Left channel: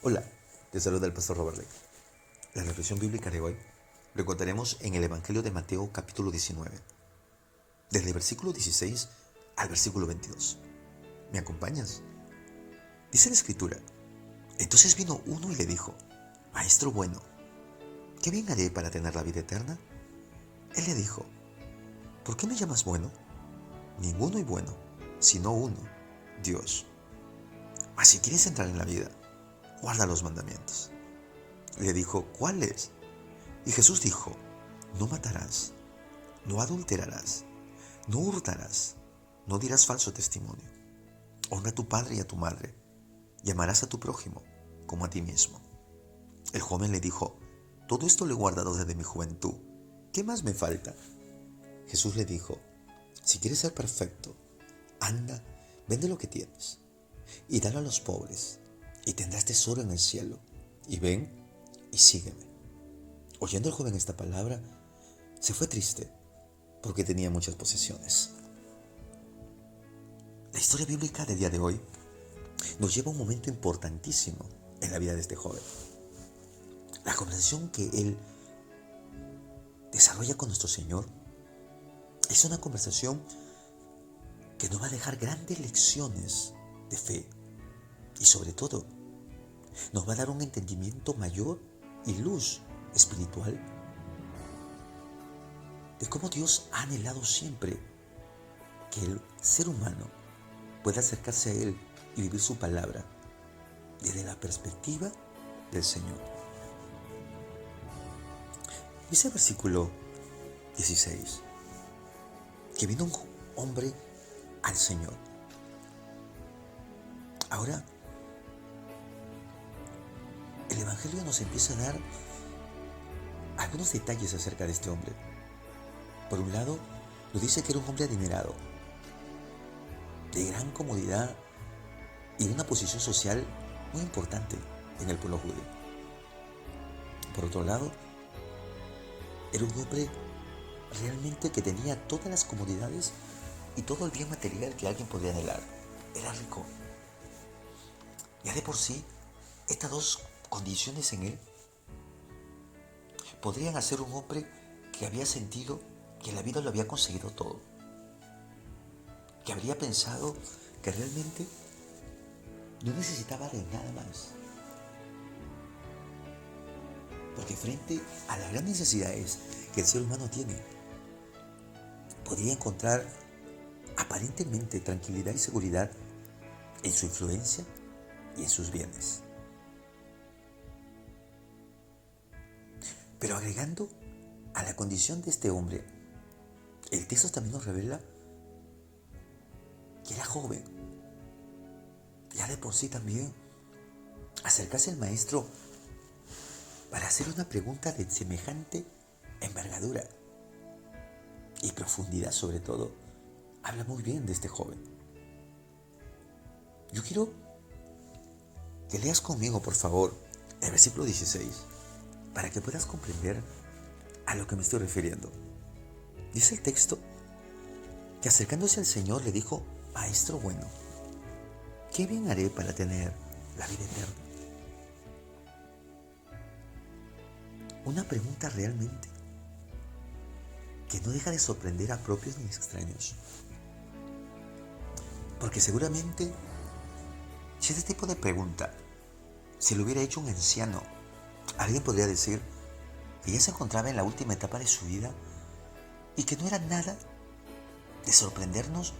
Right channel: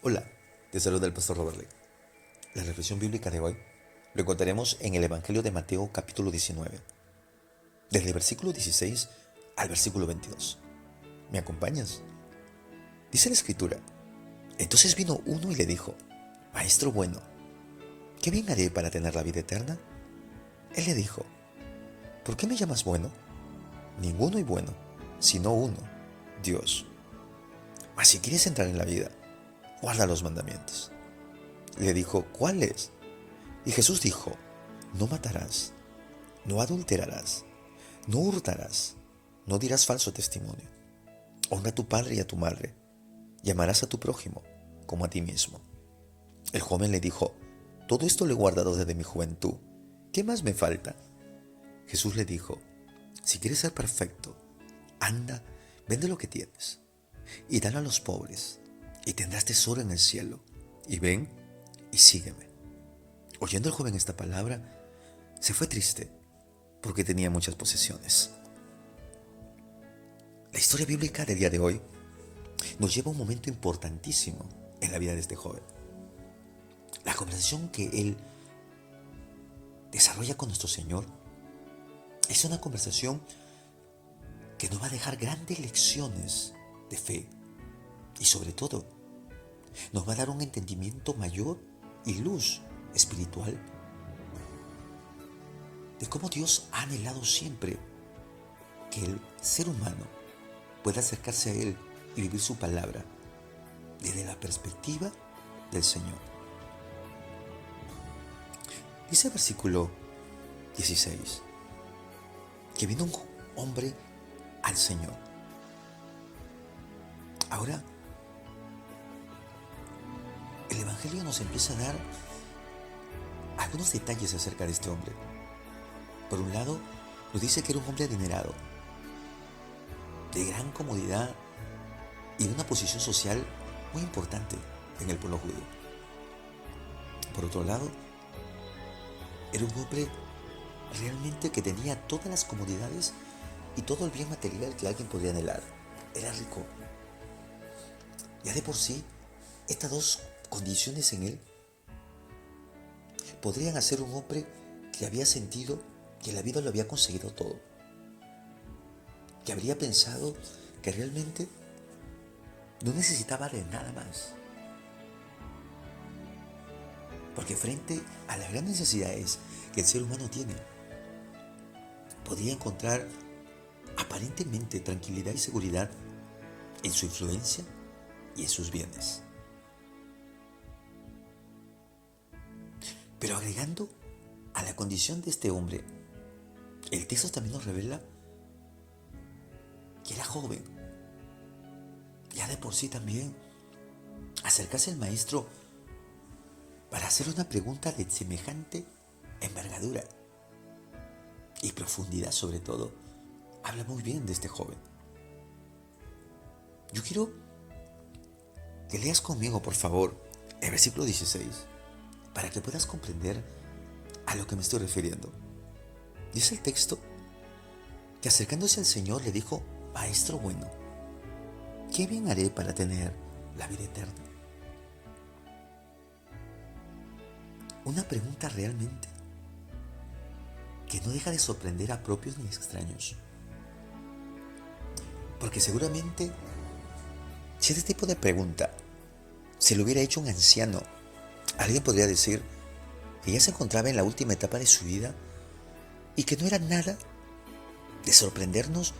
Hola, te saluda el pastor Robert Lake. La reflexión bíblica de hoy lo encontraremos en el Evangelio de Mateo capítulo 19, desde el versículo 16 al versículo 22. ¿Me acompañas? Dice la escritura: entonces vino uno y le dijo: Maestro bueno, ¿qué bien haré para tener la vida eterna? Él le dijo: ¿por qué me llamas bueno? Ninguno hay bueno, sino uno, Dios. Mas si quieres entrar en la vida, guarda los mandamientos. Le dijo: ¿cuáles? Y Jesús dijo: no matarás, no adulterarás, no hurtarás, no dirás falso testimonio, honra a tu padre y a tu madre, y amarás a tu prójimo como a ti mismo. El joven le dijo: todo esto lo he guardado desde mi juventud, ¿qué más me falta? Jesús le dijo: si quieres ser perfecto, anda, vende lo que tienes y dalo a los pobres, y tendrás tesoro en el cielo, y ven y sígueme. Oyendo el joven esta palabra, se fue triste, porque tenía muchas posesiones. La historia bíblica del día de hoy nos lleva a un momento importantísimo en la vida de este joven. La conversación que él desarrolla con nuestro Señor es una conversación que nos va a dejar grandes lecciones de fe y, sobre todo, nos va a dar un entendimiento mayor y luz espiritual de cómo Dios ha anhelado siempre que el ser humano pueda acercarse a Él y vivir su palabra desde la perspectiva del Señor. Dice el versículo 16 que vino un hombre al Señor. Ahora, el Evangelio nos empieza a dar algunos detalles acerca de este hombre. Por un lado, nos dice que era un hombre adinerado, de gran comodidad y de una posición social muy importante en el pueblo judío. Por otro lado, era un hombre realmente que tenía todas las comodidades y todo el bien material que alguien podía anhelar. Era rico. Ya de por sí, estas dos condiciones en él podrían hacer un hombre que había sentido que la vida lo había conseguido todo, que habría pensado que realmente no necesitaba de nada más, porque frente a las grandes necesidades que el ser humano tiene, podría encontrar aparentemente tranquilidad y seguridad en su influencia y en sus bienes. Pero agregando a la condición de este hombre, el texto también nos revela que era joven. Ya de por sí también acercarse al maestro para hacer una pregunta de semejante envergadura y profundidad, sobre todo, habla muy bien de este joven. Yo quiero que leas conmigo, por favor, el versículo 16, para que puedas comprender a lo que me estoy refiriendo. Dice el texto que acercándose al Señor le dijo: Maestro bueno, ¿qué bien haré para tener la vida eterna? Una pregunta realmente que no deja de sorprender a propios ni extraños. Porque seguramente, si este tipo de pregunta se lo hubiera hecho un anciano, alguien podría decir que ya se encontraba en la última etapa de su vida y que no era nada de sorprendernos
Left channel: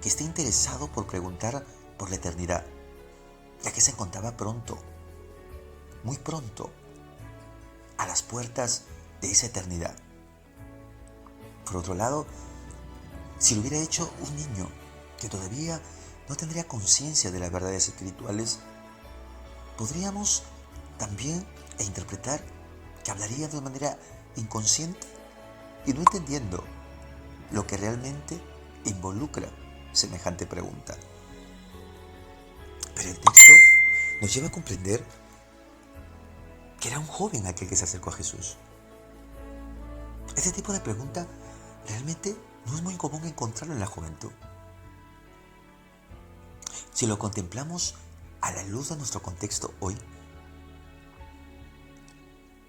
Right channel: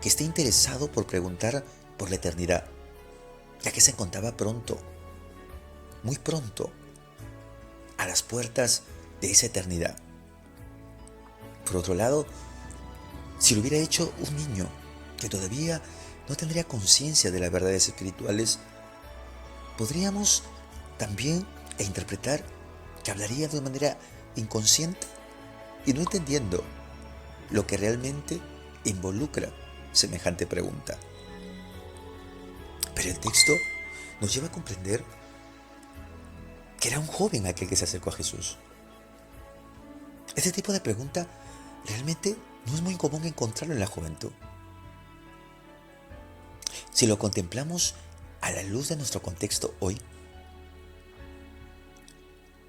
que esté interesado por preguntar por la eternidad, ya que se encontraba pronto, muy pronto, a las puertas de esa eternidad. Por otro lado, si lo hubiera hecho un niño que todavía no tendría conciencia de las verdades espirituales, podríamos también interpretar que hablaría de manera inconsciente y no entendiendo lo que realmente involucra semejante pregunta. Pero el texto nos lleva a comprender que era un joven aquel que se acercó a Jesús. Este tipo de pregunta realmente no es muy común encontrarlo en la juventud. Si lo contemplamos a la luz de nuestro contexto hoy,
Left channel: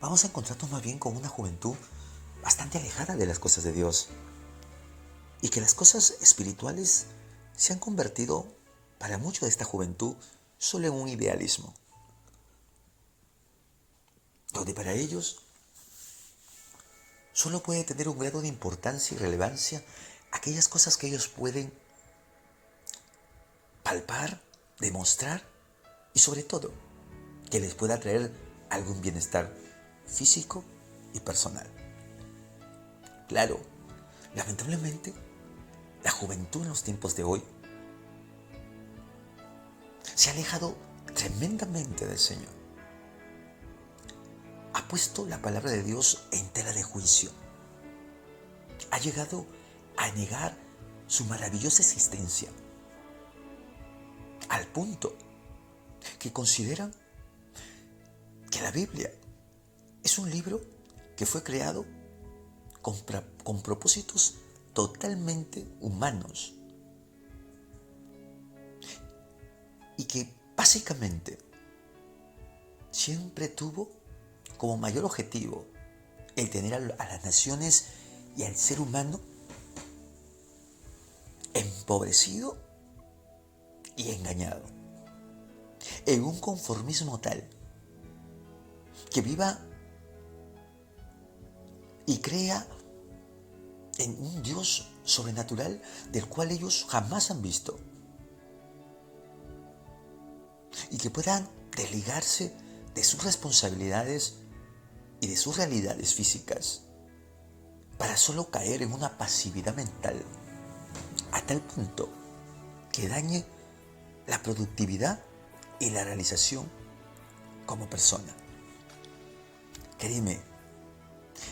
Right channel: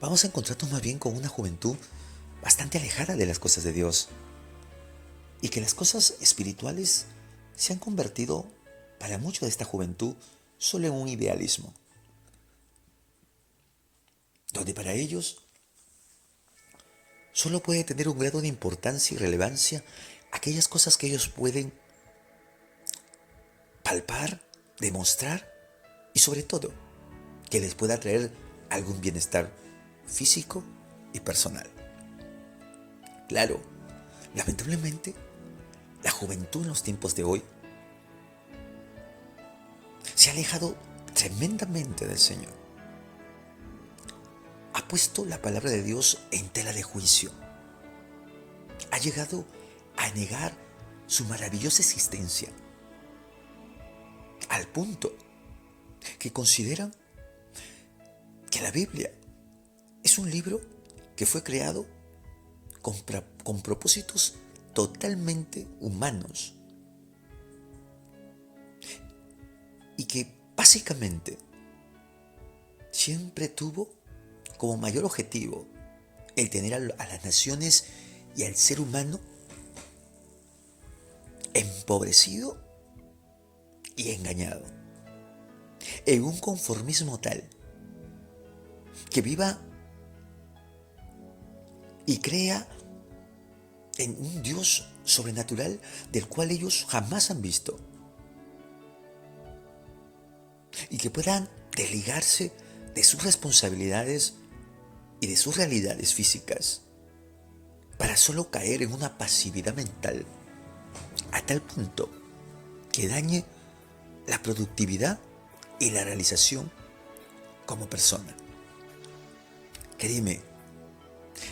vamos a encontrarnos más bien con una juventud bastante alejada de las cosas de Dios y que las cosas espirituales se han convertido para mucho de esta juventud solo en un idealismo, donde para ellos solo puede tener un grado de importancia y relevancia aquellas cosas que ellos pueden palpar, demostrar y sobre todo que les pueda traer algún bienestar físico y personal. Claro, lamentablemente, la juventud en los tiempos de hoy se ha alejado tremendamente del Señor. Ha puesto la palabra de Dios en tela de juicio. Ha llegado a negar su maravillosa existencia, al punto que consideran que la Biblia es un libro que fue creado con propósitos totalmente humanos y que básicamente siempre tuvo como mayor objetivo el tener a las naciones y al ser humano empobrecido y engañado, en un conformismo tal que viva y crea en un Dios sobrenatural del cual ellos jamás han visto, y que puedan desligarse de sus responsabilidades y de sus realidades físicas para solo caer en una pasividad mental a tal punto que dañe la productividad y la realización como persona. Créeme,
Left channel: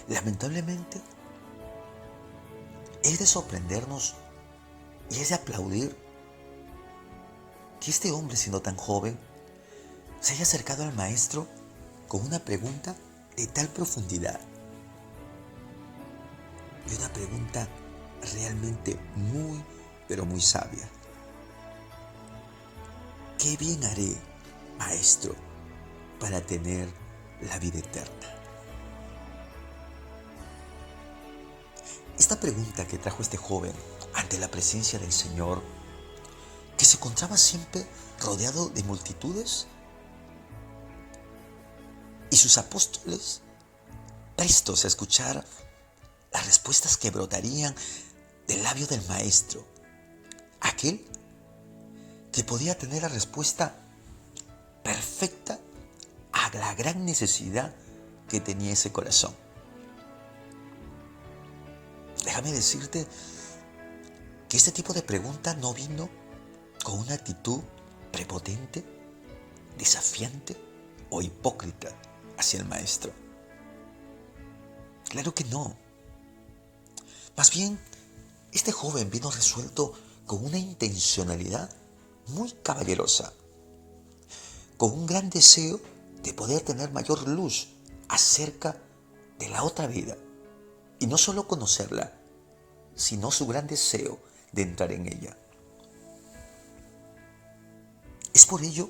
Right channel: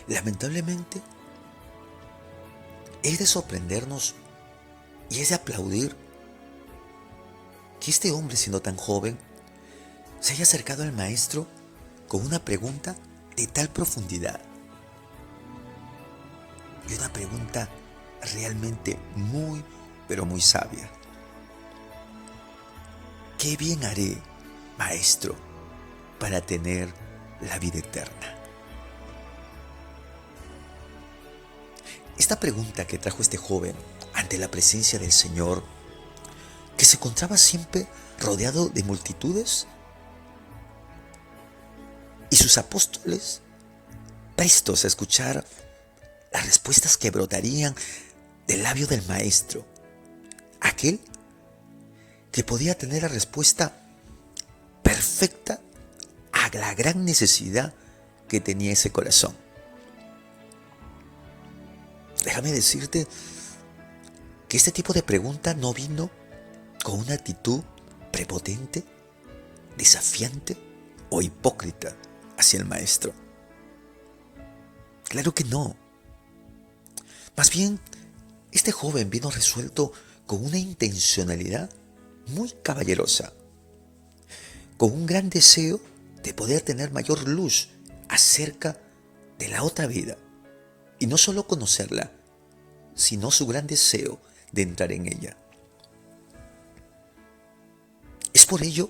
lamentablemente es de sorprendernos y es de aplaudir que este hombre, siendo tan joven, se haya acercado al maestro con una pregunta de tal profundidad y una pregunta realmente muy, pero muy sabia. ¿Qué bien haré, maestro, para tener la vida eterna? Esta pregunta que trajo este joven ante la presencia del Señor, que se encontraba siempre rodeado de multitudes, y sus apóstoles prestos a escuchar las respuestas que brotarían del labio del maestro, aquel que podía tener la respuesta perfecta a la gran necesidad que tenía ese corazón. Déjame decirte que este tipo de pregunta no vino con una actitud prepotente, desafiante o hipócrita hacia el maestro. Claro que no. Más bien, este joven vino resuelto con una intencionalidad muy caballerosa, con un gran deseo de poder tener mayor luz acerca de la otra vida, y no solo conocerla, sino su gran deseo de entrar en ella. Es por ello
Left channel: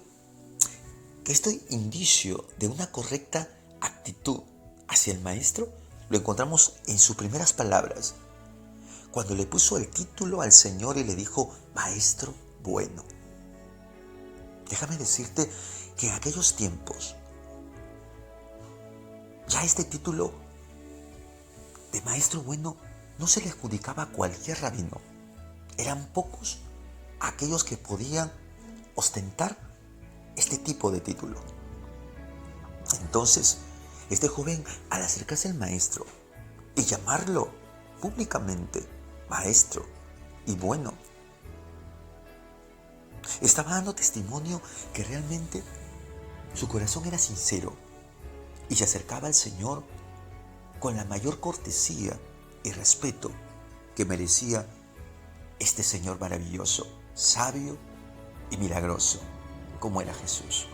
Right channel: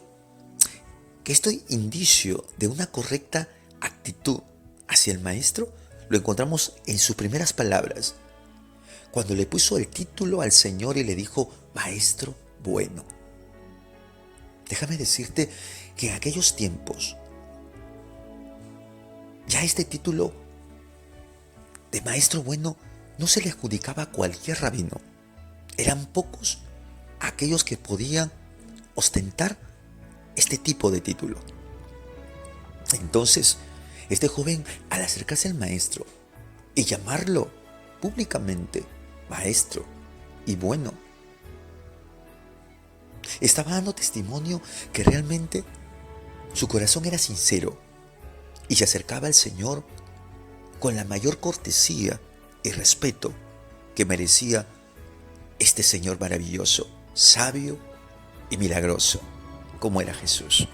que este indicio de una correcta actitud hacia el maestro lo encontramos en sus primeras palabras, cuando le puso el título al Señor y le dijo, Maestro bueno. Déjame decirte que en aquellos tiempos ya este título de Maestro bueno no se le adjudicaba a cualquier rabino. Eran pocos aquellos que podían ostentar este tipo de título. Entonces, este joven, al acercarse al maestro y llamarlo públicamente maestro y bueno, estaba dando testimonio que realmente su corazón era sincero y se acercaba al Señor con la mayor cortesía y respeto que merecía este Señor maravilloso, sabio y milagroso, como era Jesús.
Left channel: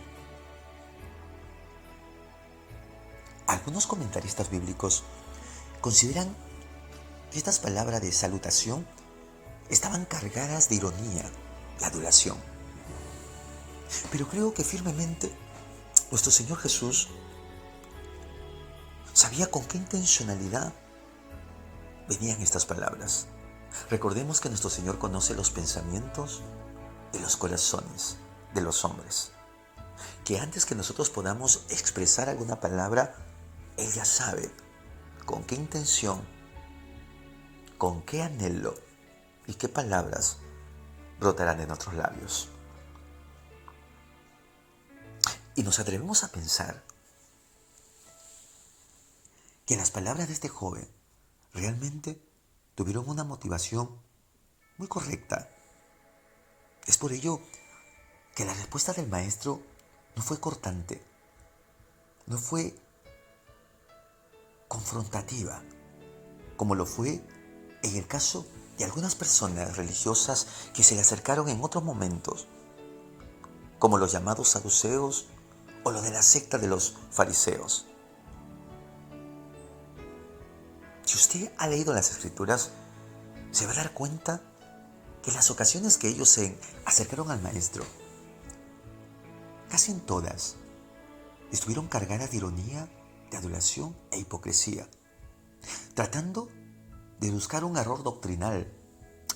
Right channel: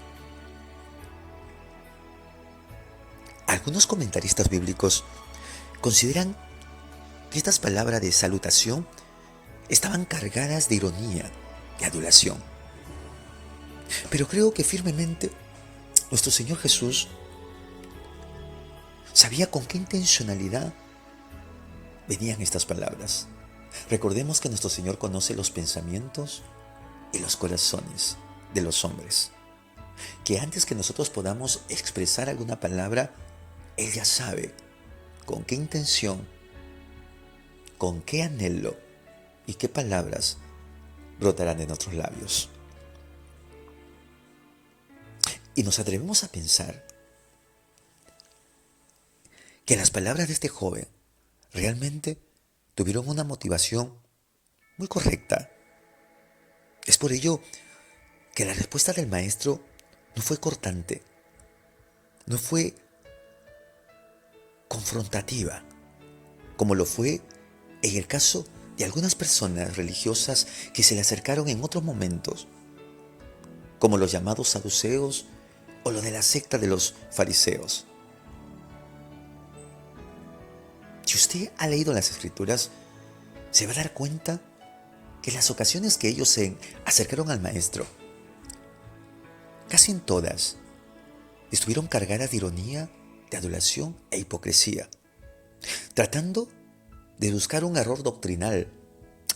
Algunos comentaristas bíblicos consideran que estas palabras de salutación estaban cargadas de ironía y adulación. Pero creo que firmemente nuestro Señor Jesús sabía con qué intencionalidad venían estas palabras. Recordemos que nuestro Señor conoce los pensamientos y los corazones de los hombres. Que antes que nosotros podamos expresar alguna palabra, Él ya sabe con qué intención, con qué anhelo y qué palabras brotarán de nuestros labios. Y nos atrevemos a pensar que las palabras de este joven realmente tuvieron una motivación muy correcta. Es por ello que la respuesta del maestro no fue cortante, no fue confrontativa, como lo fue en el caso de algunas personas religiosas que se le acercaron en otros momentos, como los llamados saduceos o lo de la secta de los fariseos. Si usted ha leído las Escrituras, se va a dar cuenta que las ocasiones que ellos se acercaron al maestro, casi en todas, estuvieron cargadas de ironía, de adulación e hipocresía, tratando de buscar un error doctrinal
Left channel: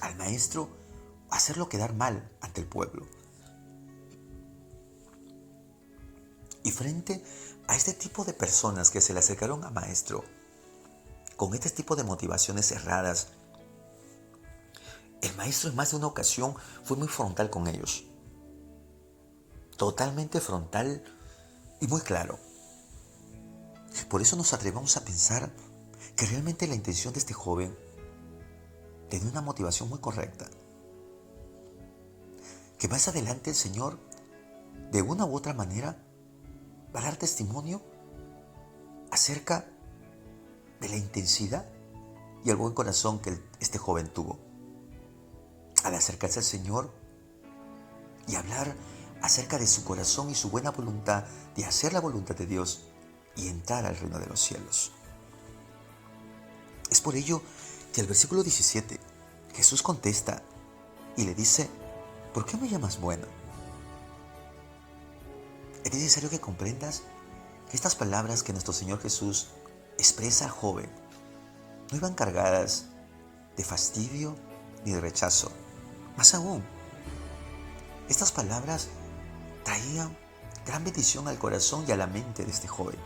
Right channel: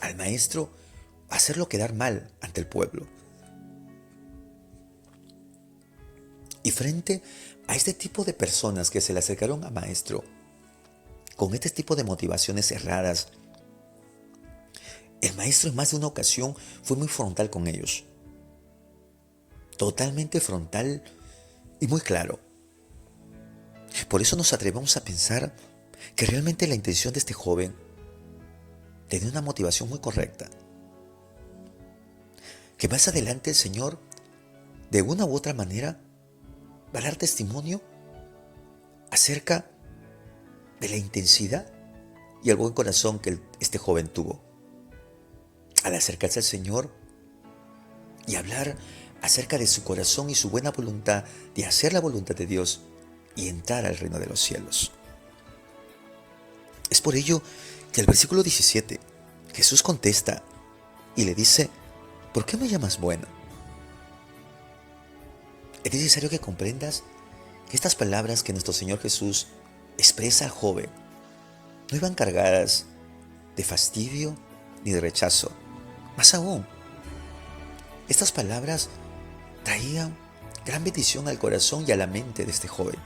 al maestro, hacerlo quedar mal ante el pueblo. Y frente a este tipo de personas que se le acercaron al maestro, con este tipo de motivaciones erradas, el maestro en más de una ocasión fue muy frontal con ellos. Totalmente frontal y muy claro. Por eso nos atrevemos a pensar que realmente la intención de este joven tenía una motivación muy correcta. Que más adelante el Señor, de una u otra manera, va a dar testimonio acerca de la intensidad y el buen corazón que este joven tuvo al acercarse al Señor y hablar acerca de su corazón y su buena voluntad de hacer la voluntad de Dios y entrar al reino de los cielos. Es por ello que el versículo 17, Jesús contesta y le dice: ¿por qué me llamas bueno? Es necesario que comprendas que estas palabras que nuestro Señor Jesús expresa al joven no iban cargadas de fastidio ni de rechazo. Más aún, estas palabras traían gran bendición al corazón y a la mente de este joven.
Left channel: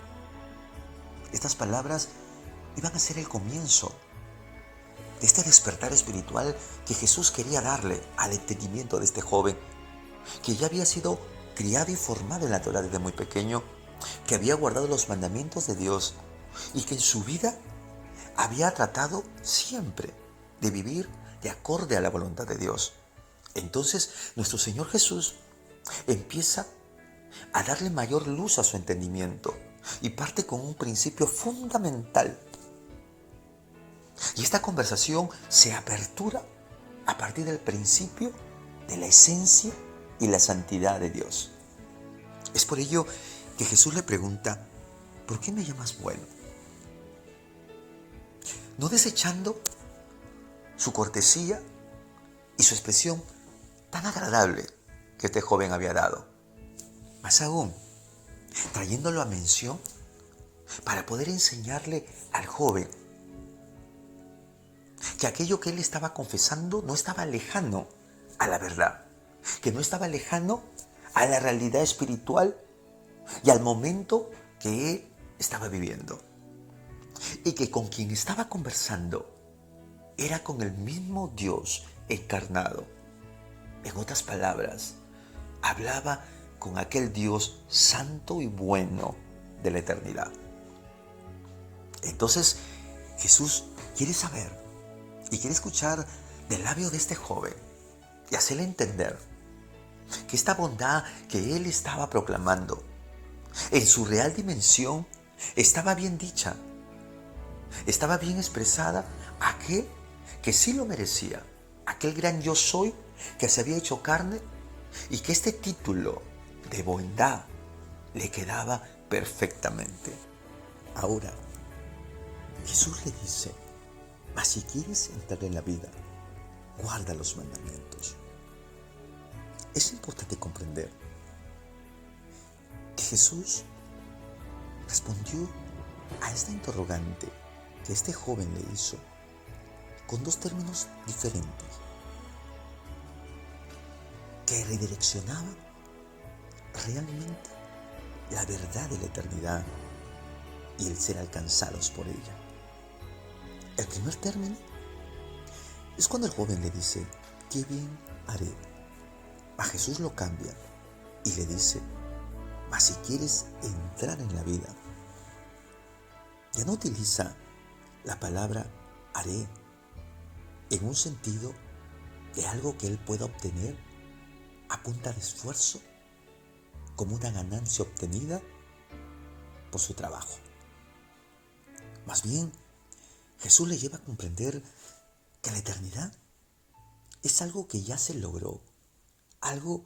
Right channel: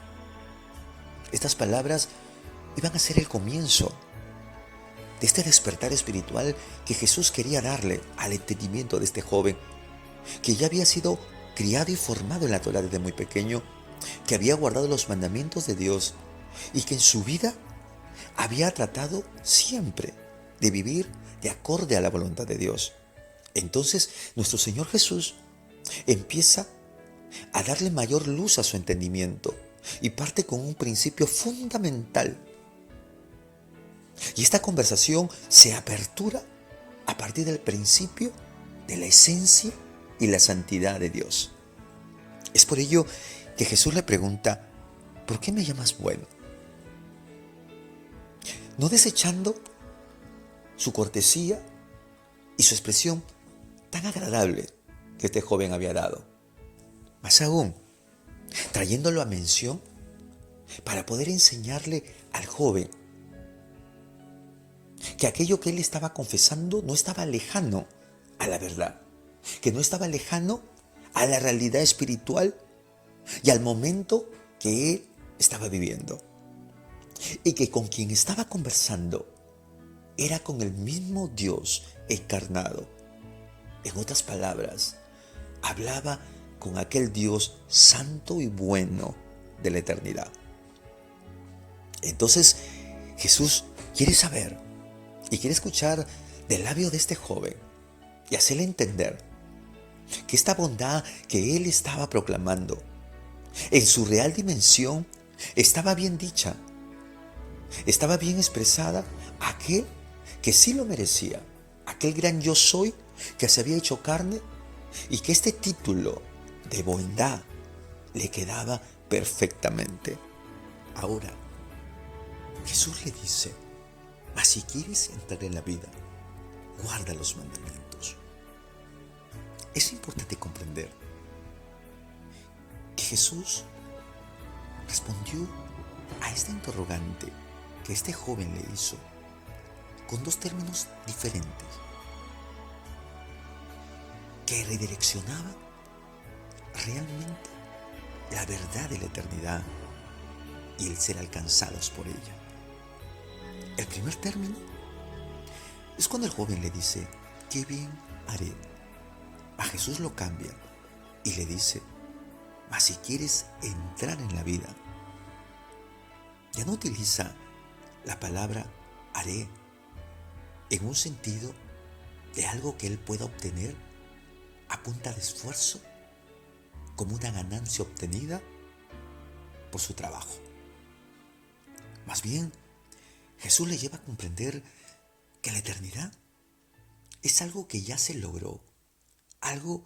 Estas palabras iban a ser el comienzo de este despertar espiritual que Jesús quería darle al entendimiento de este joven, que ya había sido criado y formado en la Torá desde muy pequeño, que había guardado los mandamientos de Dios y que en su vida había tratado siempre de vivir de acorde a la voluntad de Dios. Entonces nuestro Señor Jesús empieza a darle mayor luz a su entendimiento y parte con un principio fundamental. Y esta conversación se apertura a partir del principio de la esencia y la santidad de Dios. Es por ello que Jesús le pregunta: ¿por qué me llamas bueno? No desechando su cortesía y su expresión tan agradable que este joven había dado. Más aún, trayéndolo a mención para poder enseñarle al joven que aquello que él estaba confesando no estaba lejano a la verdad, que no estaba lejano a la realidad espiritual y al momento que él estaba viviendo. Y que con quien estaba conversando era con el mismo Dios encarnado. En otras palabras, hablaba con aquel Dios santo y bueno de la eternidad. Entonces, Jesús quiere saber y quiere escuchar del labio de este joven y hacerle entender que esta bondad que él estaba proclamando en su real dimensión estaba bien dicha, estaba bien expresada a aquel que sí lo merecía, aquel gran yo soy que se había hecho carne y que este título de bondad le quedaba perfectamente. Ahora, Jesús le dice: mas si quieres entrar en la vida, guarda los mandamientos. Es importante comprender que Jesús respondió a esta interrogante que este joven le hizo con dos términos diferentes que redireccionaban realmente la verdad de la eternidad y el ser alcanzados por ella. El primer término es cuando el joven le dice, ¿qué bien haré? A Jesús lo cambia y le dice, mas si quieres entrar en la vida, ya no utiliza la palabra haré en un sentido de algo que él pueda obtener a punta de esfuerzo, como una ganancia obtenida por su trabajo. Más bien, Jesús le lleva a comprender que la eternidad es algo que ya se logró, algo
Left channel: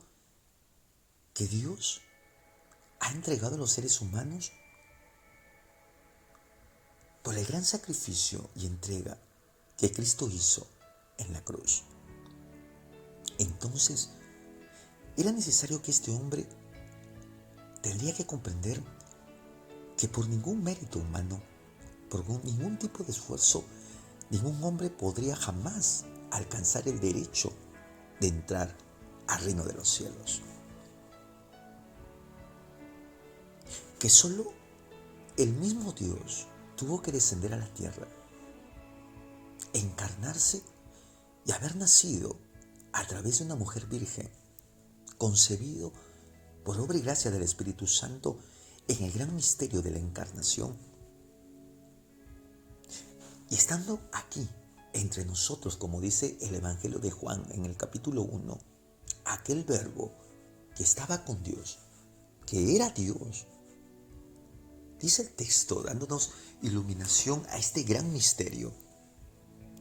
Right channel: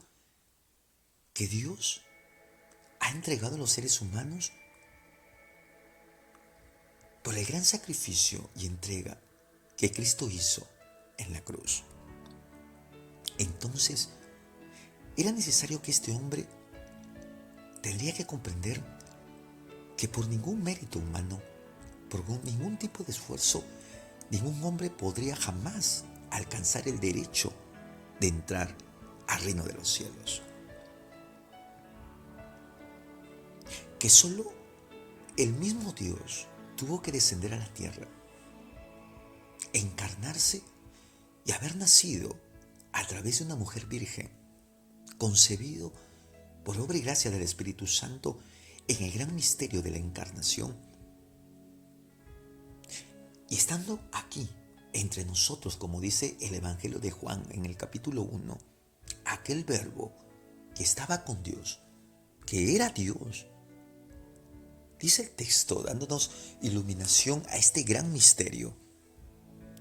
que Dios ha entregado a los seres humanos por el gran sacrificio y entrega que Cristo hizo en la cruz. Entonces, era necesario que este hombre tendría que comprender que por ningún mérito humano, por ningún tipo de esfuerzo, ningún hombre podría jamás alcanzar el derecho de entrar al reino de los cielos. Que solo el mismo Dios tuvo que descender a la tierra, encarnarse y haber nacido a través de una mujer virgen, concebido por obra y gracia del Espíritu Santo en el gran misterio de la encarnación. Y estando aquí entre nosotros, como dice el Evangelio de Juan en el capítulo 1, aquel verbo que estaba con Dios, que era Dios, dice el texto dándonos iluminación a este gran misterio,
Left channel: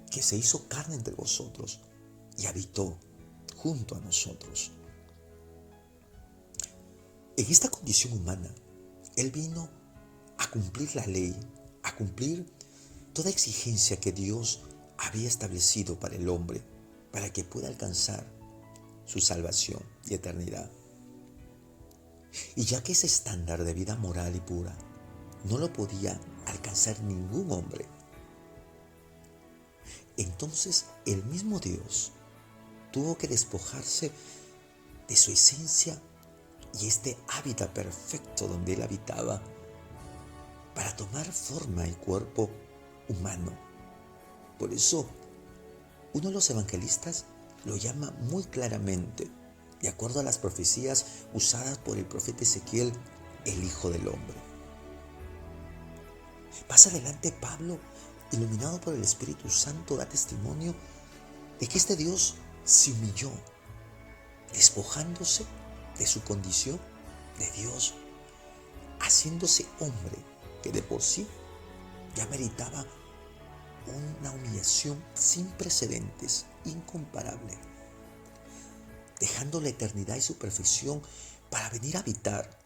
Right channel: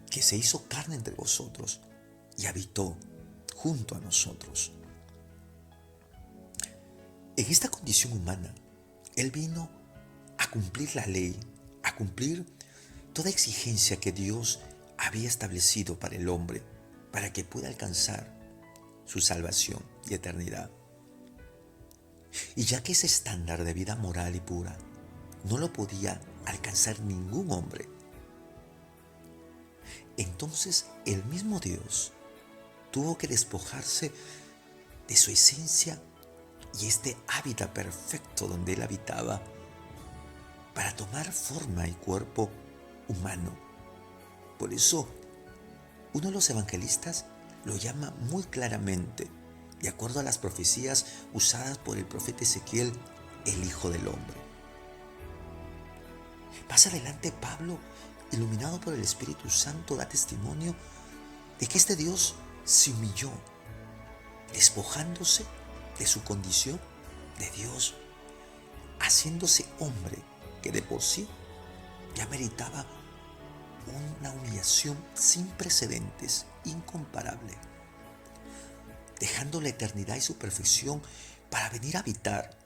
que se hizo carne entre vosotros y habitó junto a nosotros. En esta condición humana, Él vino a cumplir la ley, a cumplir toda exigencia que Dios había establecido para el hombre, para que pueda alcanzar su salvación y eternidad. Y ya que ese estándar de vida moral y pura no lo podía alcanzar ningún hombre, entonces el mismo Dios tuvo que despojarse de su esencia y este hábitat perfecto donde Él habitaba para tomar forma y cuerpo humano. Por eso, uno de los evangelistas lo llama muy claramente, de acuerdo a las profecías usadas por el profeta Ezequiel, el Hijo del Hombre. Más adelante, Pablo, iluminado por el Espíritu Santo, da testimonio de que este Dios se humilló, despojándose de su condición de Dios, haciéndose hombre que de por sí ya meritaba una humillación sin precedentes, incomparable, dejando la eternidad y su perfección para venir a habitar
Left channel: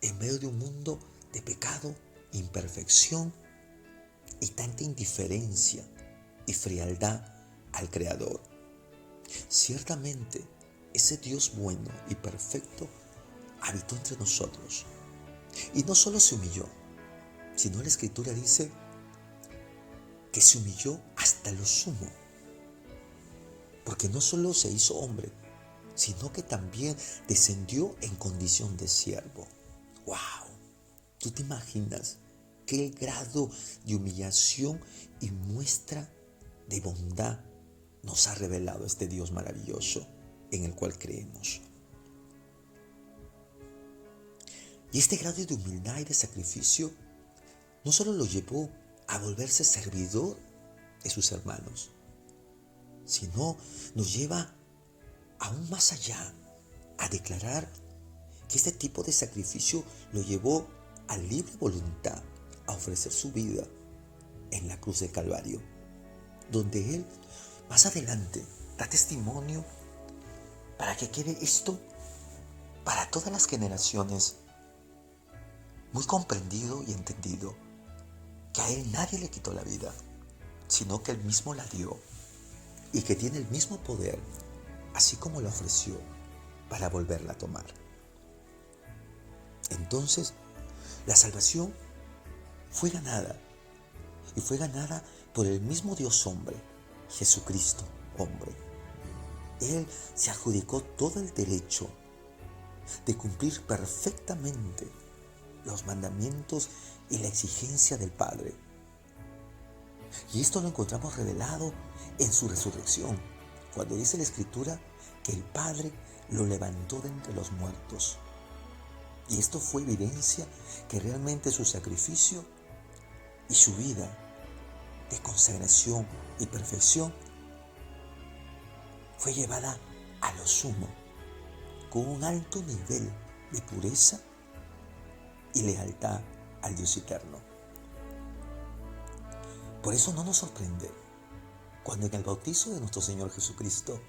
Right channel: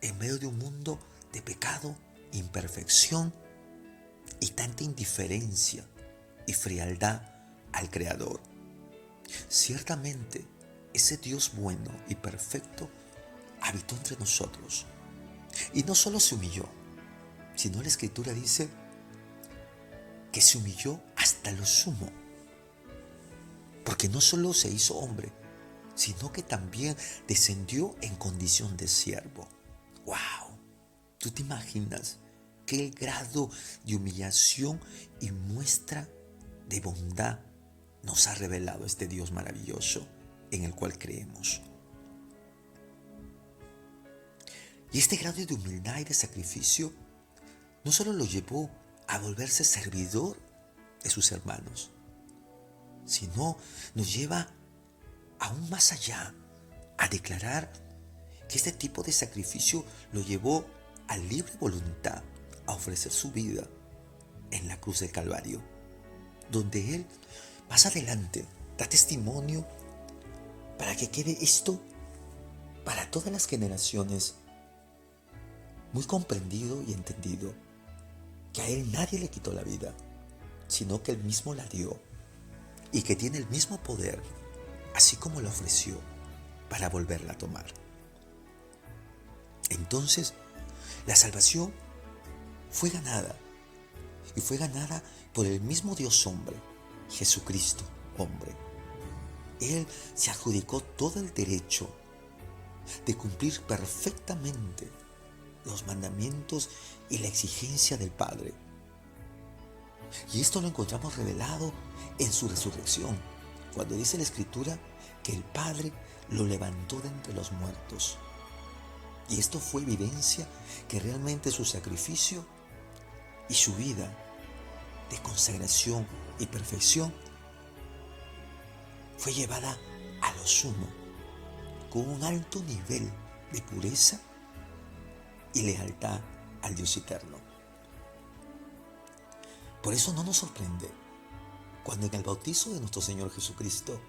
en medio de un mundo de pecado, imperfección y tanta indiferencia y frialdad al Creador. Ciertamente, ese Dios bueno y perfecto habitó entre nosotros. Y no solo se humilló, sino la Escritura dice que se humilló hasta lo sumo. Porque no solo se hizo hombre, sino que también descendió en condición de siervo. ¡Wow! ¿Tú te imaginas qué grado de humillación y muestra de bondad nos ha revelado este Dios maravilloso en el cual creemos? Y este grado de humildad y de sacrificio no solo lo llevó a volverse servidor de sus hermanos, sino nos lleva aún más allá a declarar que este tipo de sacrificio lo llevó a libre voluntad a ofrecer su vida en la cruz del Calvario, donde Él más adelante da testimonio para que quede esto para todas las generaciones muy comprendido y entendido, que a Él nadie le quitó la vida, sino que Él mismo la dio y que tiene el mismo poder, así como la ofreció, para volverla a tomar. Entonces, la salvación fue ganada. Y fue ganada por el mismo Dios hombre, Jesucristo hombre. Él se adjudicó todo el derecho de cumplir perfectamente los mandamientos y la exigencia del Padre. Y esto lo encontramos revelado en su resurrección, cuando dice la Escritura que el Padre lo levantó de entre los muertos. Y esto fue evidencia que realmente su sacrificio y su vida de consagración y perfección fue llevada a lo sumo, con un alto nivel de pureza y lealtad al Dios eterno. Por eso no nos sorprende cuando en el bautizo de nuestro Señor Jesucristo,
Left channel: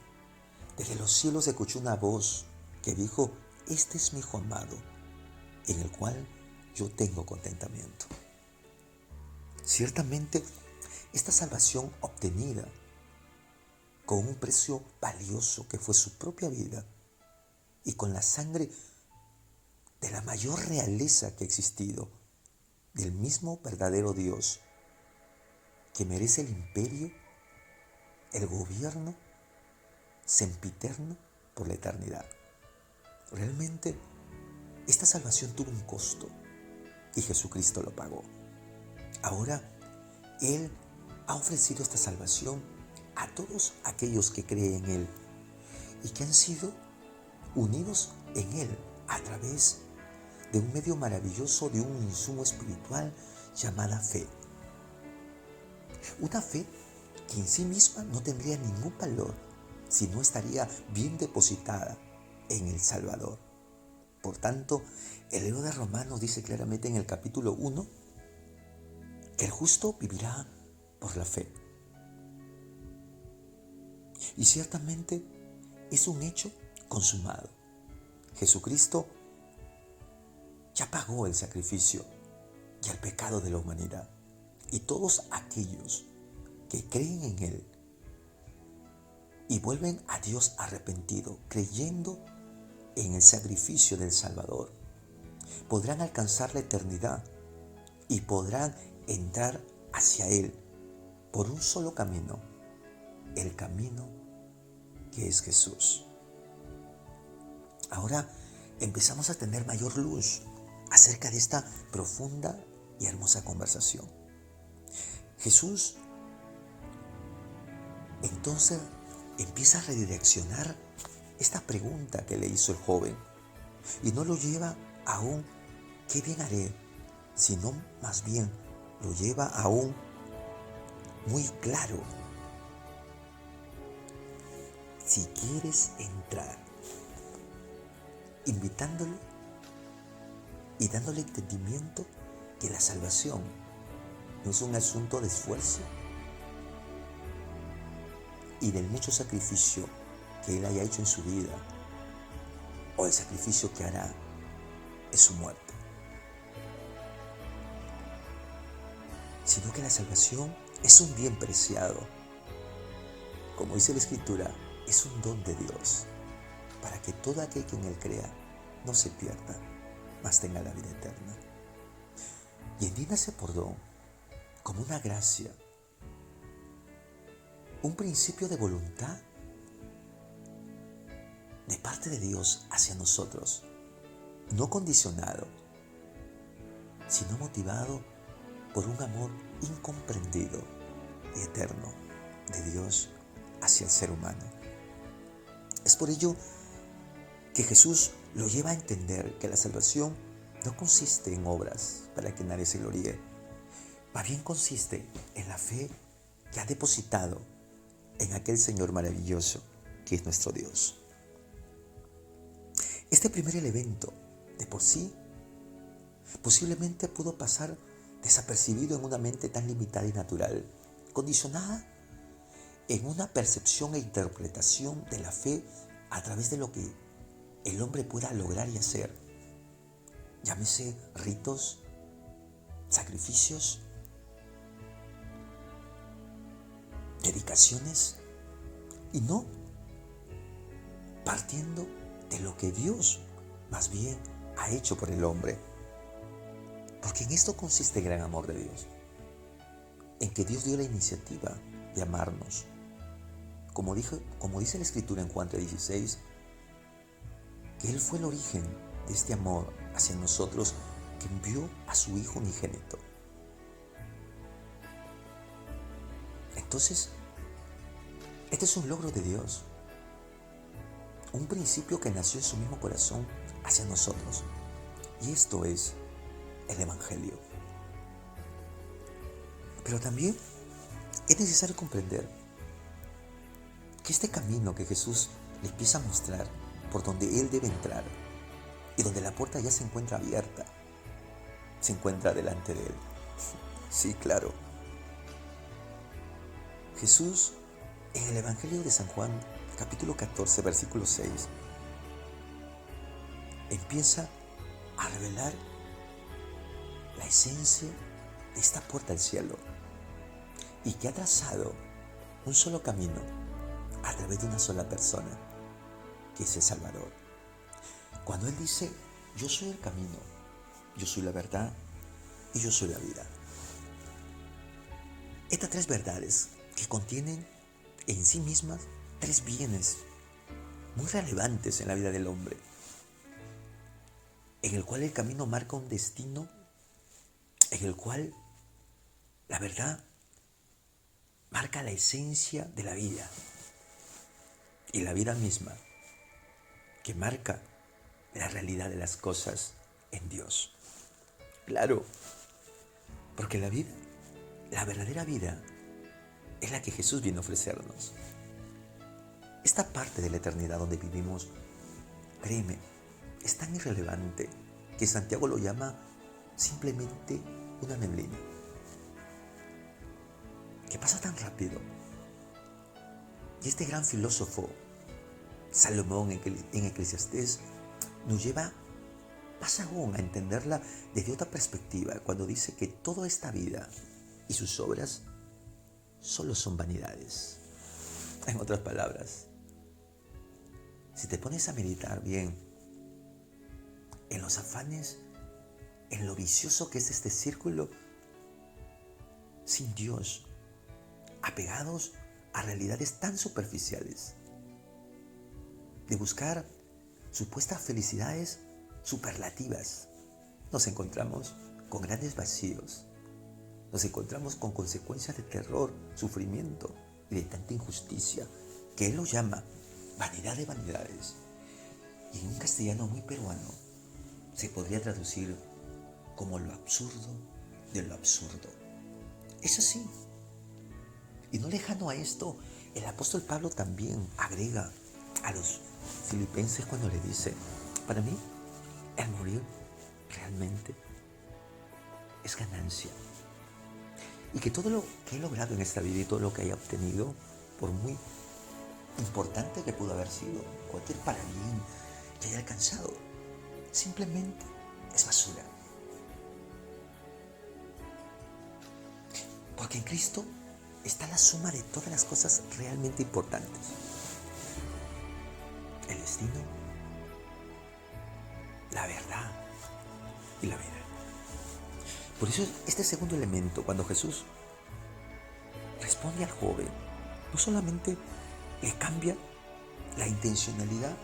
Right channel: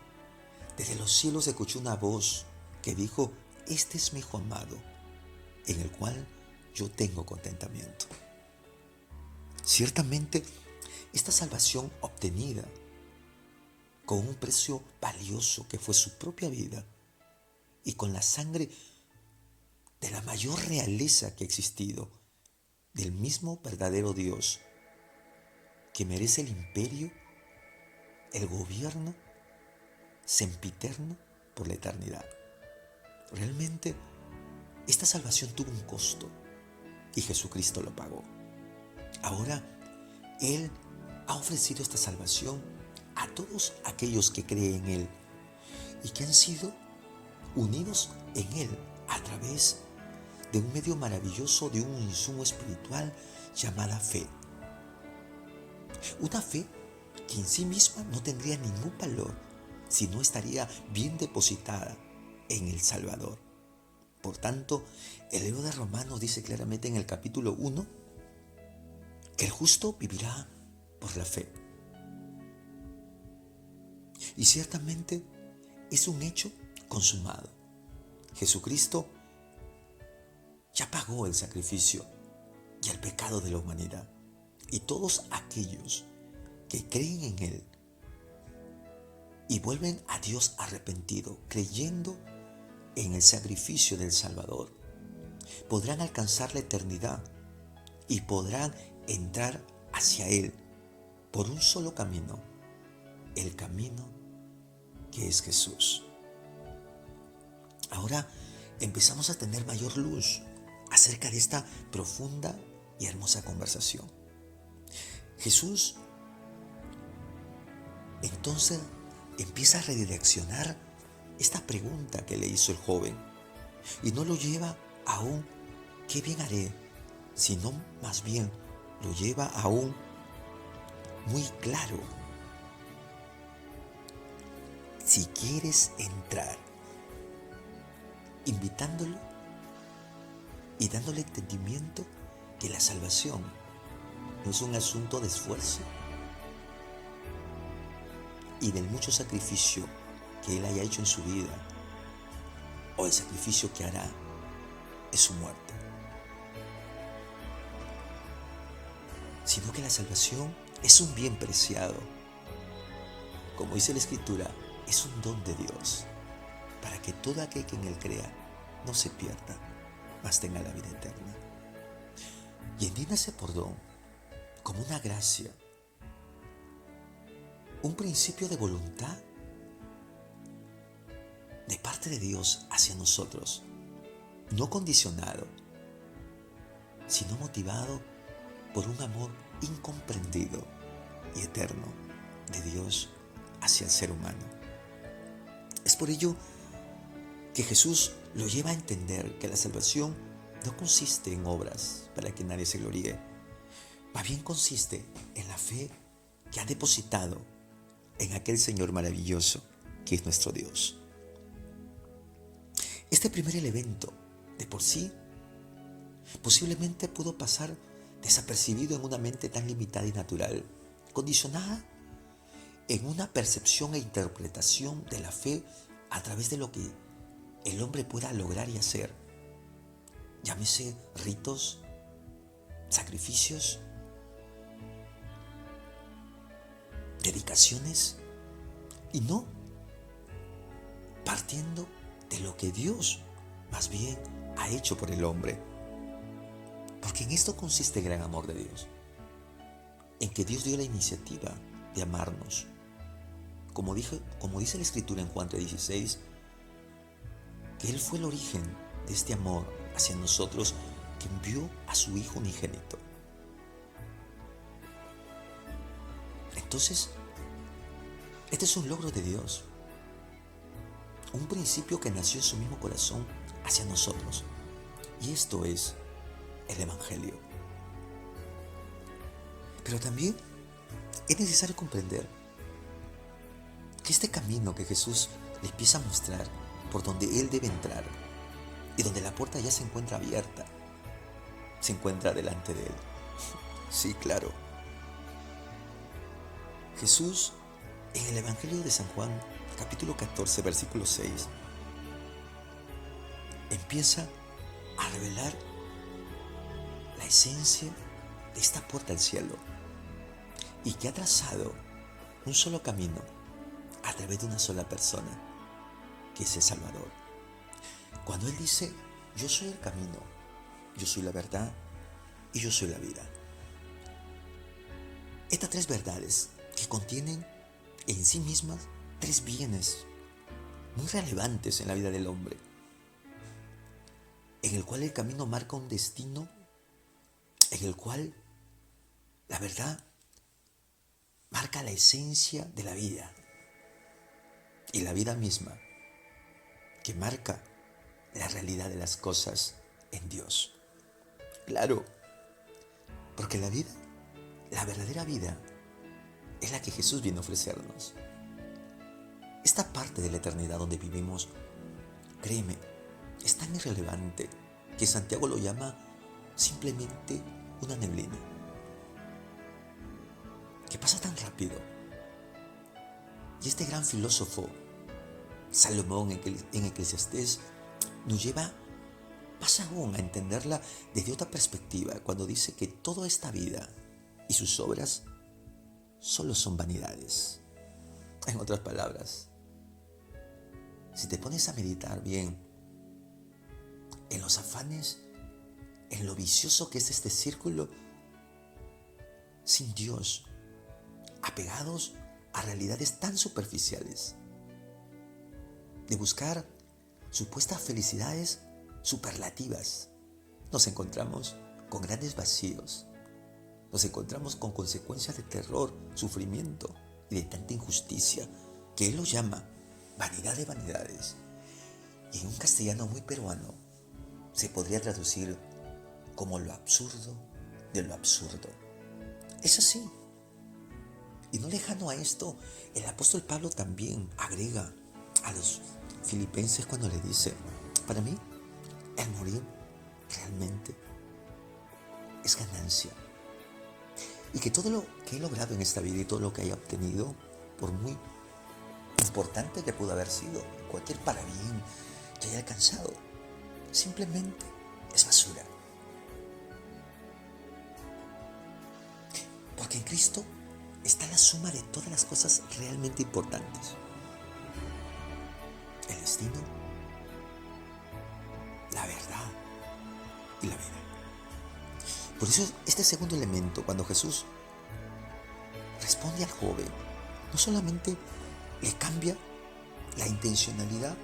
desde los cielos se escuchó una voz que dijo: este es mi Hijo amado, en el cual yo tengo contentamiento. Ciertamente, esta salvación obtenida con un precio valioso que fue su propia vida y con la sangre de la mayor realeza que ha existido, del mismo verdadero Dios, que merece el imperio, el gobierno sempiterno por la eternidad. Realmente, esta salvación tuvo un costo y Jesucristo lo pagó. Ahora, Él ha ofrecido esta salvación a todos aquellos que creen en Él y que han sido unidos en Él a través de un medio maravilloso, de un insumo espiritual llamada fe. Una fe que en sí misma no tendría ningún valor si no estaría bien depositada en el Salvador. Por tanto, el libro de Romanos dice claramente en el capítulo 1 que el justo vivirá por la fe. Y ciertamente es un hecho consumado. Jesucristo ya pagó el sacrificio y el pecado de la humanidad. Y todos aquellos que creen en Él y vuelven a Dios arrepentido, creyendo en el sacrificio del Salvador, podrán alcanzar la eternidad y podrán entrar hacia Él por un solo camino, el camino que es Jesús. Ahora empezamos a tener mayor luz acerca de esta profunda y hermosa conversación. Jesús entonces empieza a redireccionar esta pregunta que le hizo el joven y no lo lleva a un ¿qué bien haré?, sino más bien lo lleva a un muy claro: si quieres entrar, invitándolo y dándole entendimiento que la salvación no es un asunto de esfuerzo y del mucho sacrificio que Él haya hecho en su vida, o el sacrificio que hará es su muerte, sino que la salvación es un bien preciado. Como dice la Escritura, es un don de Dios, para que todo aquel que en Él crea no se pierda, mas tenga la vida eterna. Y entiéndase por don como una gracia, un principio de voluntad de parte de Dios hacia nosotros, no condicionado, sino motivado por un amor incomprendido y eterno de Dios hacia el ser humano. Es por ello que Jesús lo lleva a entender que la salvación no consiste en obras para que nadie se gloríe, más bien consiste en la fe que ha depositado en aquel Señor maravilloso que es nuestro Dios. Este primer elemento, de por sí, posiblemente pudo pasar desapercibido en una mente tan limitada y natural, condicionada en una percepción e interpretación de la fe a través de lo que el hombre pueda lograr y hacer. Llámese ritos, sacrificios, dedicaciones, y no partiendo de lo que Dios más bien ha hecho por el hombre. Porque en esto consiste el gran amor de Dios, en que Dios dio la iniciativa de amarnos. Como dice la Escritura en Juan 3:16, que Él fue el origen de este amor hacia nosotros, que envió a su Hijo unigénito. Entonces, este es un logro de Dios, un principio que nació en su mismo corazón hacia nosotros. Y esto es el Evangelio. Pero también es necesario comprender que este camino que Jesús le empieza a mostrar, por donde Él debe entrar, y donde la puerta ya se encuentra abierta, se encuentra delante de Él. Sí, claro. Jesús, en el Evangelio de San Juan, capítulo 14, versículo 6, empieza a revelar la esencia de esta puerta al cielo, y que ha trazado un solo camino a través de una sola persona, que es el Salvador. Cuando Él dice: yo soy el camino, yo soy la verdad y yo soy la vida. Estas tres verdades que contienen en sí mismas tres bienes muy relevantes en la vida del hombre, en el cual el camino marca un destino, en el cual la verdad marca la esencia de la vida, y la vida misma que marca la realidad de las cosas en Dios. Claro, porque la vida, la verdadera vida, es la que Jesús vino a ofrecernos. Esta parte de la eternidad donde vivimos, créeme, es tan irrelevante que Santiago lo llama simplemente una neblina, que pasa tan rápido. Y este gran filósofo, Salomón, en Eclesiastés, nos lleva más aún a entenderla desde otra perspectiva, cuando dice que toda esta vida y sus obras solo son vanidades. En otras palabras, si te pones a meditar bien en los afanes, en lo vicioso que es este círculo sin Dios, apegados a realidades tan superficiales, de buscar supuestas felicidades superlativas, nos encontramos con grandes vacíos, nos encontramos con consecuencias de terror, sufrimiento y de tanta injusticia, que Él lo llama vanidad de vanidades. Y en un castellano muy peruano se podría traducir como lo absurdo de lo absurdo. Es así. Y no lejano a esto, el apóstol Pablo también agrega a los filipenses cuando le dice: para mí, el morir realmente es ganancia. Y que todo lo que he logrado en esta vida y todo lo que haya obtenido, por muy importante que pudo haber sido, cualquier parabién que haya alcanzado, simplemente es basura. Porque en Cristo está la suma de todas las cosas realmente importantes: el destino, la verdad y la vida. Por eso este segundo elemento, cuando Jesús responde al joven, no solamente le cambia la intencionalidad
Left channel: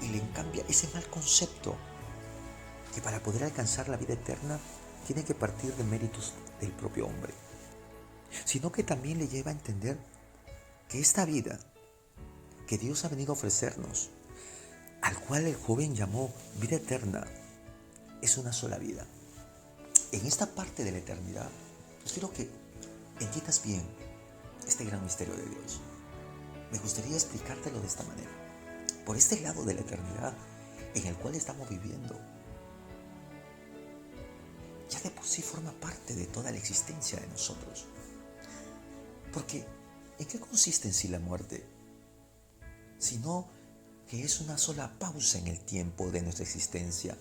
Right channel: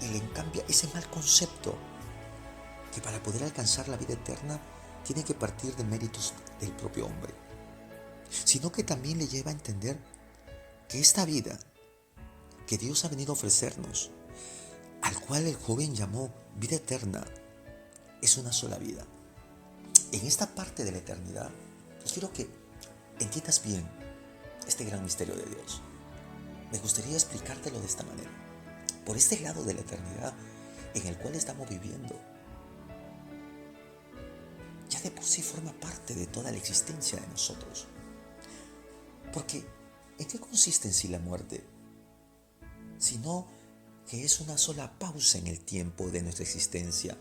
y le cambia ese mal concepto que para poder alcanzar la vida eterna tiene que partir de méritos del propio hombre, sino que también le lleva a entender que esta vida que Dios ha venido a ofrecernos, al cual el joven llamó vida eterna, es una sola vida. En esta parte de la eternidad, yo quiero que entiendas bien este gran misterio de Dios. Me gustaría explicártelo de esta manera. Por este lado de la eternidad en el cual estamos viviendo, ya de por sí forma parte de toda la existencia de nosotros. Porque, ¿en qué consiste en sí la muerte? Sino que es una sola pausa en el tiempo de nuestra existencia,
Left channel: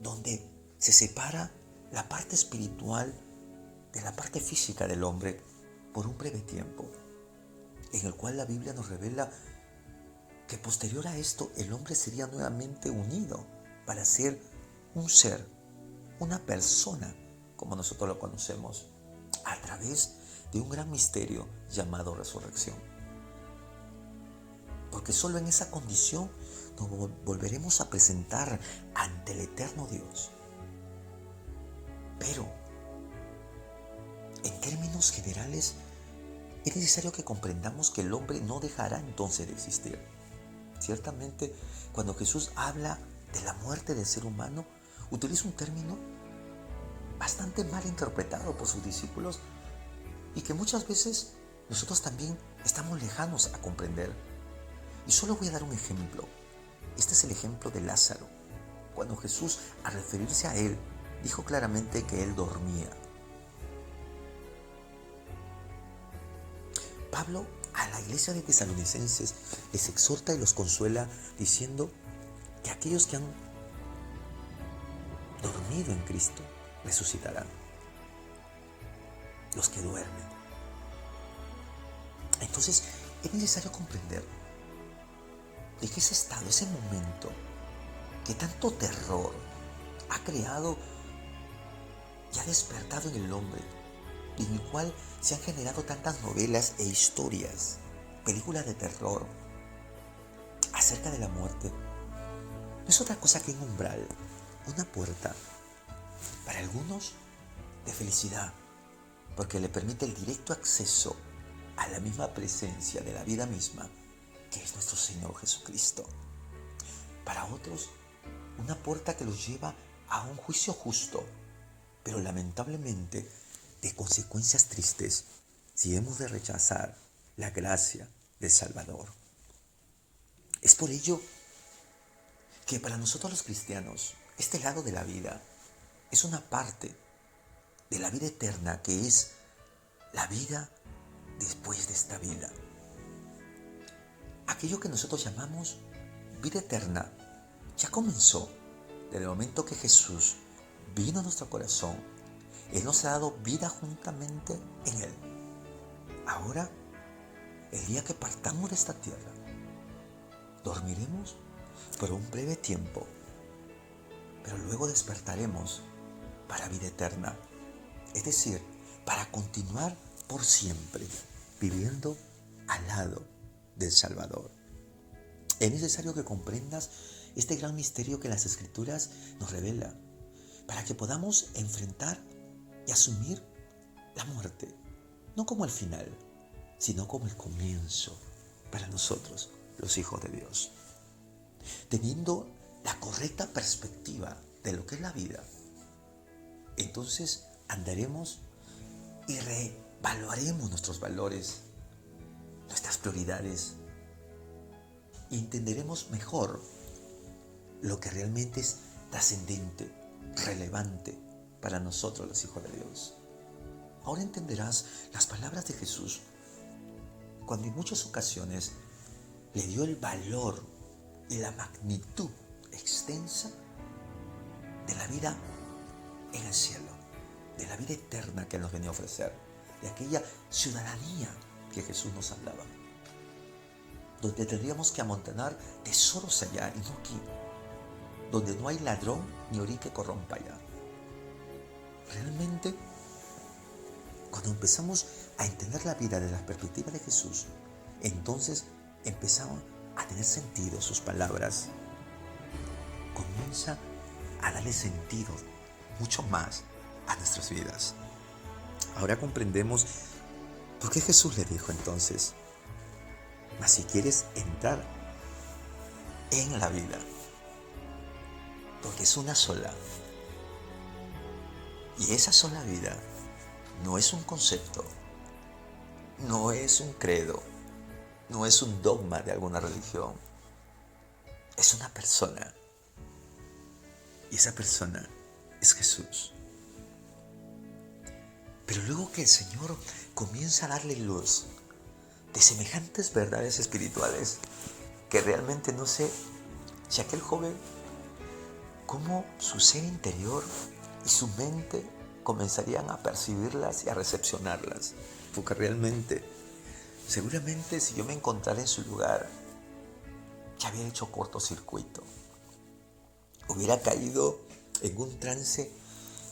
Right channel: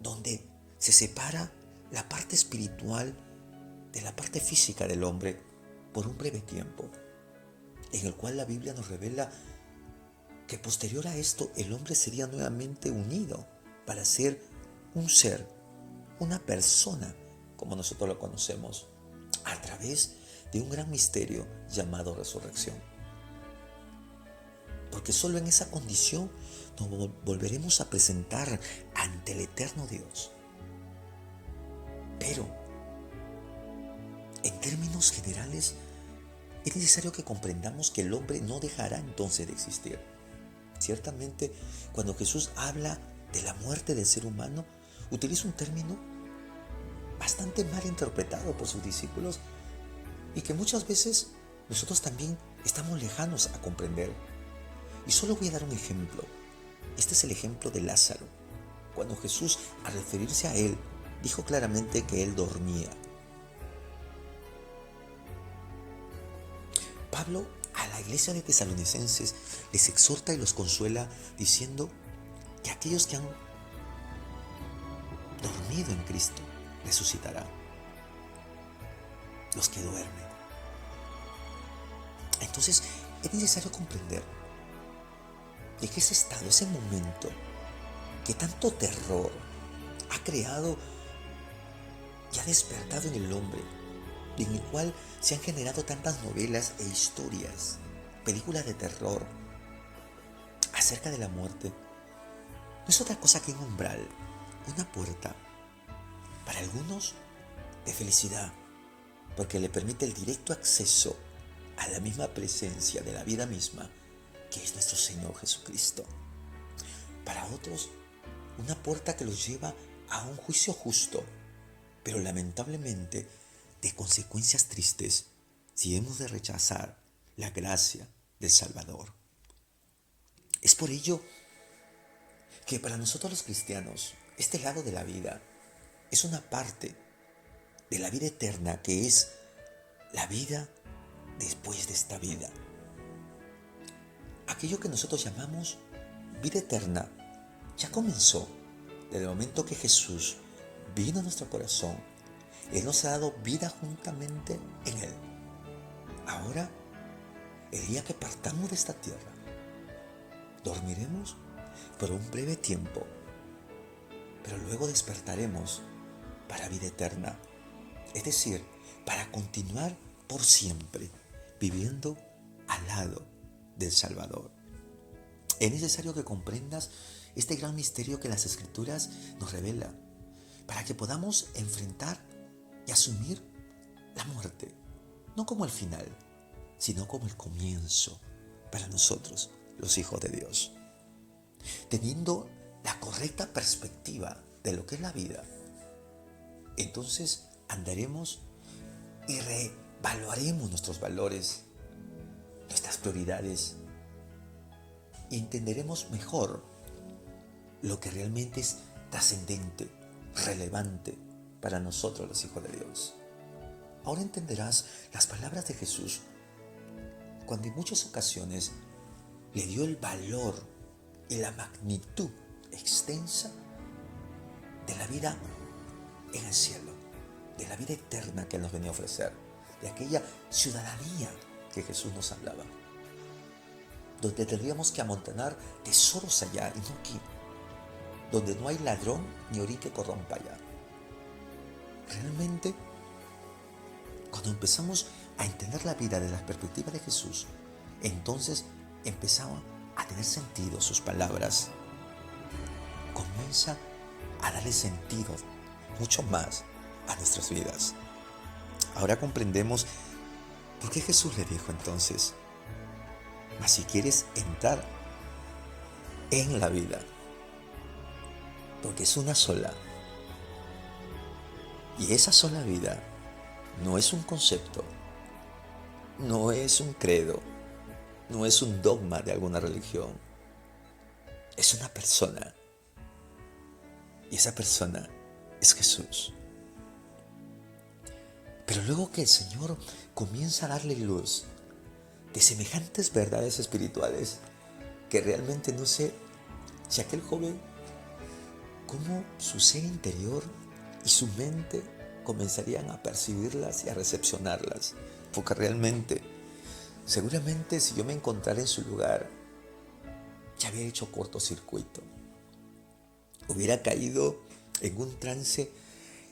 donde se separa la parte espiritual de la parte física del hombre por un breve tiempo, en el cual la Biblia nos revela que posterior a esto el hombre sería nuevamente unido para ser un ser una persona como nosotros lo conocemos, a través de un gran misterio llamado resurrección. Porque solo en esa condición nos volveremos a presentar ante el eterno Dios. Pero, en términos generales, es necesario que comprendamos que el hombre no dejará entonces de existir. Ciertamente, cuando Jesús habla de la muerte del ser humano, utiliza un término bastante mal interpretado por sus discípulos y que muchas veces nosotros también estamos lejanos a comprender. Y solo voy a dar un ejemplo. Este es el ejemplo de Lázaro. Cuando Jesús, al referirse a él, dijo claramente que él dormía. Pablo a la iglesia de Tesalonicenses les exhorta y los consuela diciendo que aquellos que han dormido en Cristo resucitarán. Los que duermen. Entonces es necesario comprender de que ese estado, ese momento que tanto terror ha creado y ha despertado en el hombre, y en el cual se han generado tantas novelas e historias, películas de terror acerca de la muerte, no es otra cosa que un umbral, una puerta, para algunos de felicidad, porque le permite el directo acceso a la misma presencia de la vida misma, que es nuestro Señor Jesucristo. Para otros, una puerta que los lleva a un juicio justo, pero lamentablemente de consecuencias tristes si hemos de rechazar la gracia del Salvador. Es por ello que para nosotros los cristianos, este lado de la vida es una parte de la vida eterna, que es la vida después de esta vida. Aquello que nosotros llamamos vida eterna ya comenzó desde el momento que Jesús vino a nuestro corazón. Él nos ha dado vida juntamente en Él. Ahora, el día que partamos de esta tierra, dormiremos por un breve tiempo, pero luego despertaremos para vida eterna. Es decir, para continuar por siempre viviendo al lado del Salvador. Es necesario que comprendas este gran misterio que las Escrituras nos revela, para que podamos enfrentar y asumir la muerte, no como el final, sino como el comienzo para nosotros, los hijos de Dios. Teniendo la correcta perspectiva de lo que es la vida, entonces andaremos y reevaluaremos nuestros valores, nuestras prioridades, y entenderemos mejor lo que realmente es trascendente, relevante para nosotros los hijos de Dios. Ahora entenderás las palabras de Jesús cuando en muchas ocasiones le dio el valor y la magnitud extensa de la vida en el cielo, de la vida eterna que nos venía a ofrecer, de aquella ciudadanía que Jesús nos hablaba, donde tendríamos que amontonar tesoros allá y no aquí, donde no hay ladrón ni orín que corrompa allá. Realmente, cuando empezamos a entender la vida desde la perspectiva de Jesús, entonces empezaba a tener sentido sus palabras. Comienza a darle sentido mucho más a nuestras vidas. Ahora comprendemos por qué Jesús le dijo entonces: mas si quieres entrar en la vida, porque es una sola, y esa sola vida no es un concepto, no es un credo, no es un dogma de alguna religión, es una persona, y esa persona es Jesús. Pero luego que el Señor comienza a darle luz de semejantes verdades espirituales, que realmente no sé si aquel joven, cómo su ser interior y su mente comenzarían a percibirlas y a recepcionarlas, porque realmente, seguramente si yo me encontrara en su lugar, ya había hecho cortocircuito, hubiera caído en un trance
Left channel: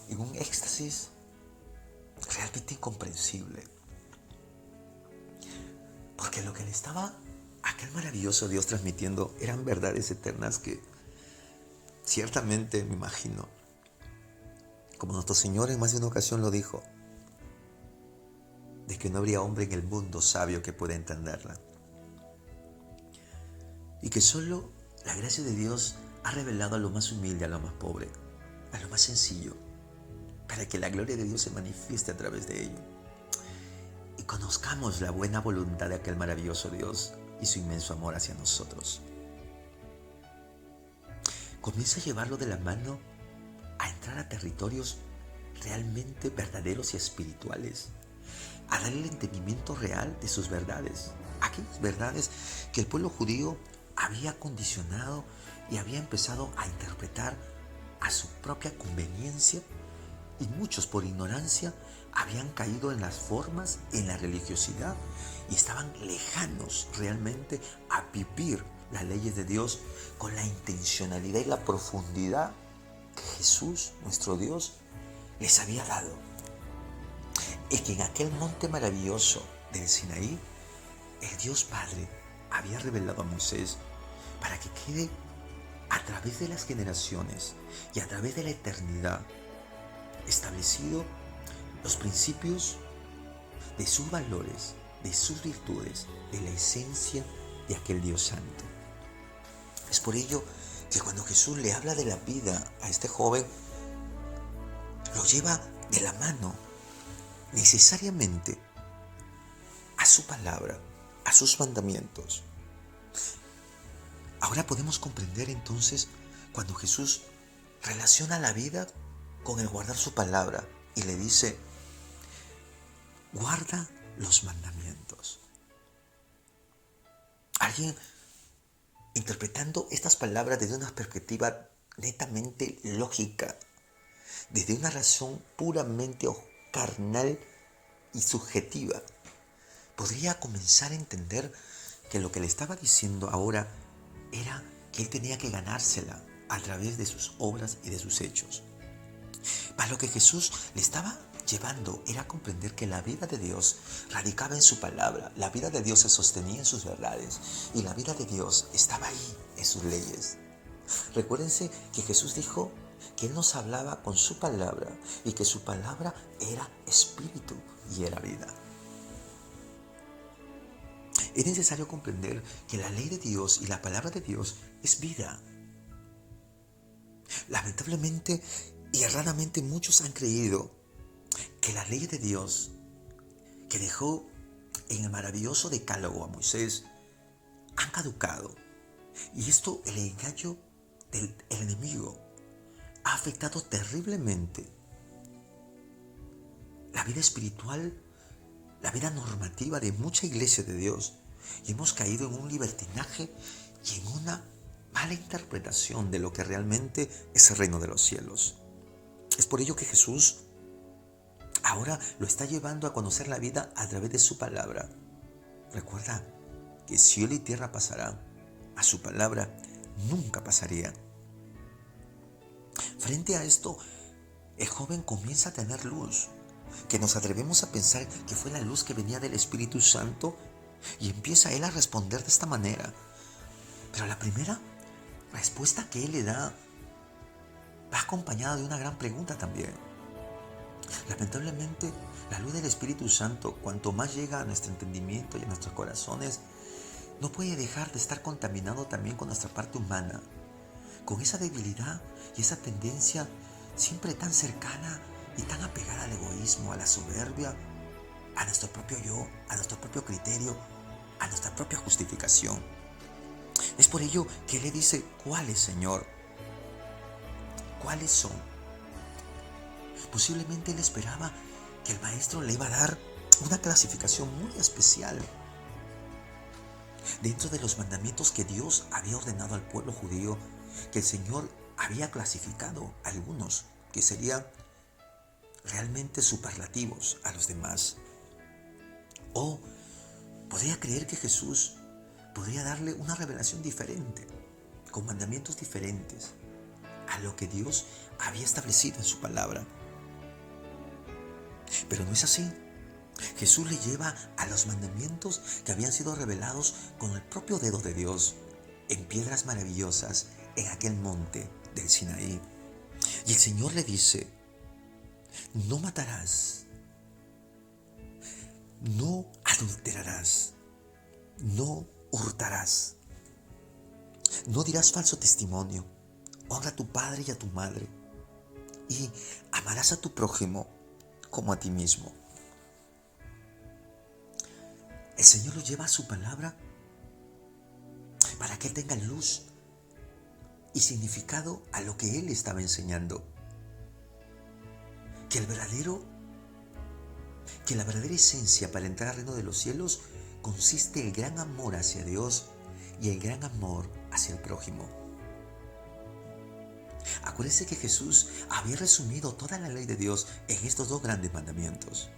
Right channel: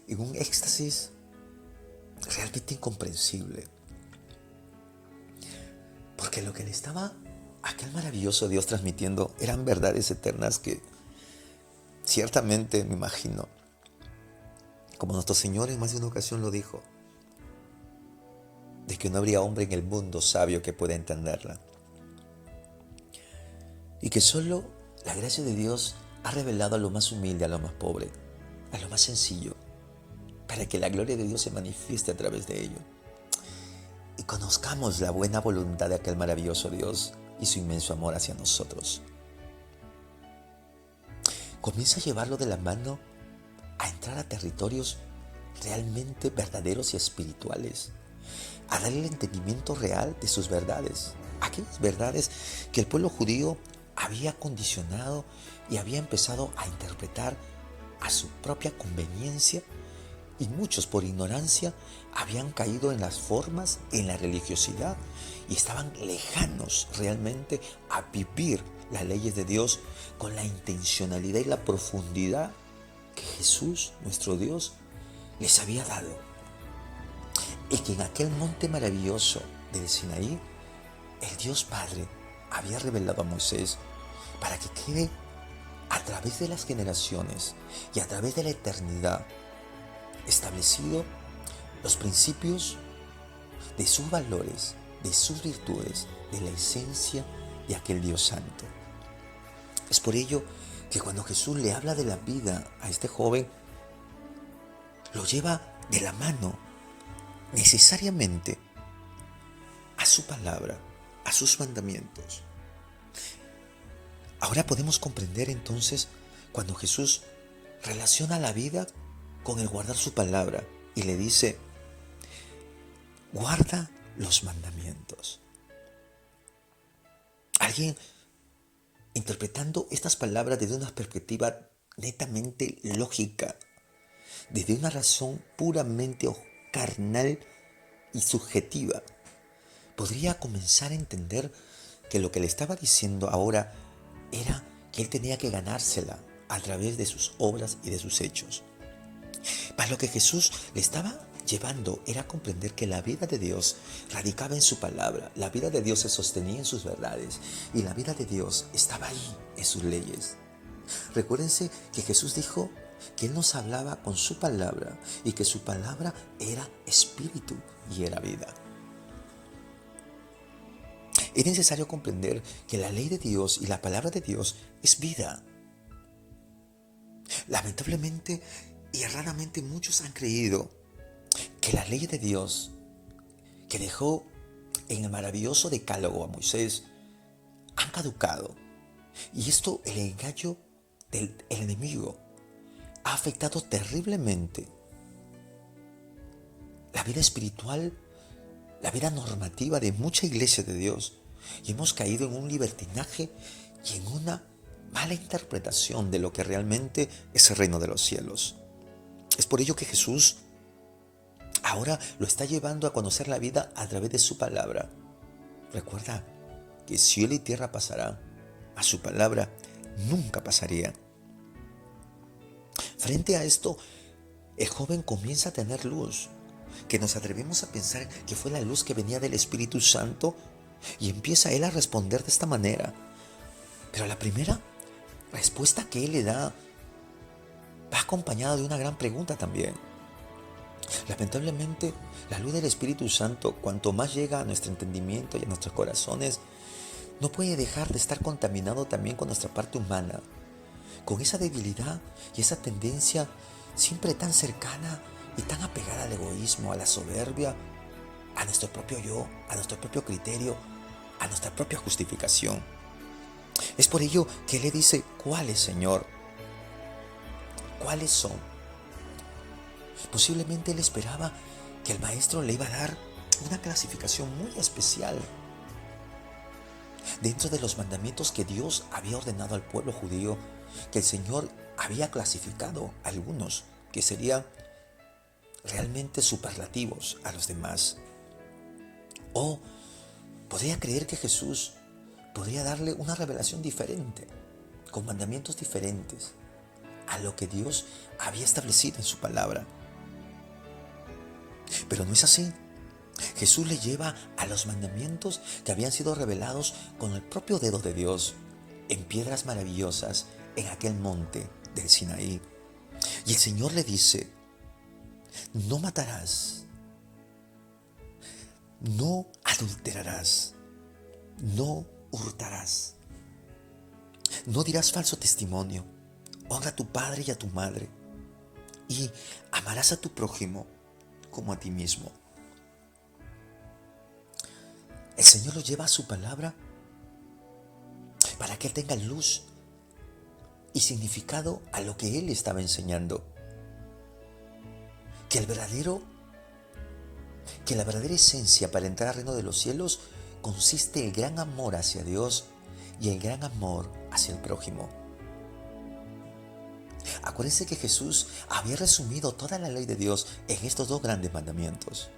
en un éxtasis realmente incomprensible. Porque lo que le estaba aquel maravilloso Dios transmitiendo eran verdades eternas que ciertamente me imagino, como nuestro Señor en más de una ocasión lo dijo, de que no habría hombre en el mundo sabio que pueda entenderla. Y que solo la gracia de Dios ha revelado a lo más humilde, a lo más pobre, a lo más sencillo, para que la gloria de Dios se manifieste a través de ello. Y conozcamos la buena voluntad de aquel maravilloso Dios y su inmenso amor hacia nosotros. Comienza a llevarlo de la mano a entrar a territorios realmente verdaderos y espirituales, a darle el entendimiento real de sus verdades, aquellas verdades que el pueblo judío había condicionado y había empezado a interpretar a su propia conveniencia, y muchos por ignorancia habían caído en las formas, en la religiosidad, y estaban lejanos realmente a vivir las leyes de Dios con la intencionalidad y la profundidad que Jesús, nuestro Dios, les había dado. Y que en aquel monte maravilloso del Sinaí, el Dios Padre había revelado a Moisés para que quede a través de las generaciones y a través de la eternidad establecido los principios de sus valores, de sus virtudes, de la esencia de aquel Dios Santo. Es por ello que cuando Jesús le habla de la vida a este joven, lo lleva de la mano necesariamente a su palabra, a sus mandamientos. Ahora podemos comprender entonces cuando Jesús relaciona la vida con el guardar su palabra y le dice, guarda los mandamientos. Alguien interpretando estas palabras desde una perspectiva netamente lógica, desde una razón puramente carnal y subjetiva, podría comenzar a entender que lo que le estaba diciendo ahora era que él tenía que ganársela a través de sus obras y de sus hechos. Para lo que Jesús le estaba llevando era comprender que la vida de Dios radicaba en su palabra, la vida de Dios se sostenía en sus verdades y la vida de Dios estaba ahí en sus leyes. Recuérdense que Jesús dijo que Él nos hablaba con su palabra y que su palabra era espíritu y era vida. Es necesario comprender que la ley de Dios y la palabra de Dios es vida. Lamentablemente y erradamente muchos han creído que la ley de Dios que dejó en el maravilloso decálogo a Moisés han caducado. Y esto, el engaño del enemigo, ha afectado terriblemente la vida espiritual, la vida normativa de mucha iglesia de Dios. Y hemos caído en un libertinaje y en una mala interpretación de lo que realmente es el reino de los cielos. Es por ello que Jesús ahora lo está llevando a conocer la vida a través de su palabra. Recuerda que cielo y tierra pasará, a su palabra nunca pasaría. Frente a esto, el joven comienza a tener luz, que nos atrevemos a pensar que fue la luz que venía del Espíritu Santo, y empieza él a responder de esta manera. Pero la primera respuesta que él le da va acompañada de una gran pregunta también. Lamentablemente, la luz del Espíritu Santo, cuanto más llega a nuestro entendimiento y a nuestros corazones, no puede dejar de estar contaminado también con nuestra parte humana, con esa debilidad y esa tendencia siempre tan cercana y tan apegada al egoísmo, a la soberbia, a nuestro propio yo, a nuestro propio criterio, a nuestra propia justificación. Es por ello que le dice, ¿cuáles, Señor? ¿Cuáles son? Posiblemente él esperaba que el maestro le iba a dar una clasificación muy especial dentro de los mandamientos que Dios había ordenado al pueblo judío, que el Señor había clasificado a algunos que serían realmente superlativos a los demás. O podría creer que Jesús podría darle una revelación diferente, con mandamientos diferentes a lo que Dios había establecido en su palabra. Pero no es así. Jesús le lleva a los mandamientos que habían sido revelados con el propio dedo de Dios en piedras maravillosas en aquel monte del Sinaí. Y el Señor le dice: no matarás, no adulterarás, no hurtarás, no dirás falso testimonio, honra a tu padre y a tu madre, y amarás a tu prójimo como a ti mismo. El Señor lo lleva a su palabra para que Él tenga luz y significado a lo que Él estaba enseñando. Que la verdadera esencia para entrar al reino de los cielos consiste en el gran amor hacia Dios y el gran amor hacia el prójimo. Acuérdense que Jesús había resumido toda la ley de Dios en estos dos grandes mandamientos.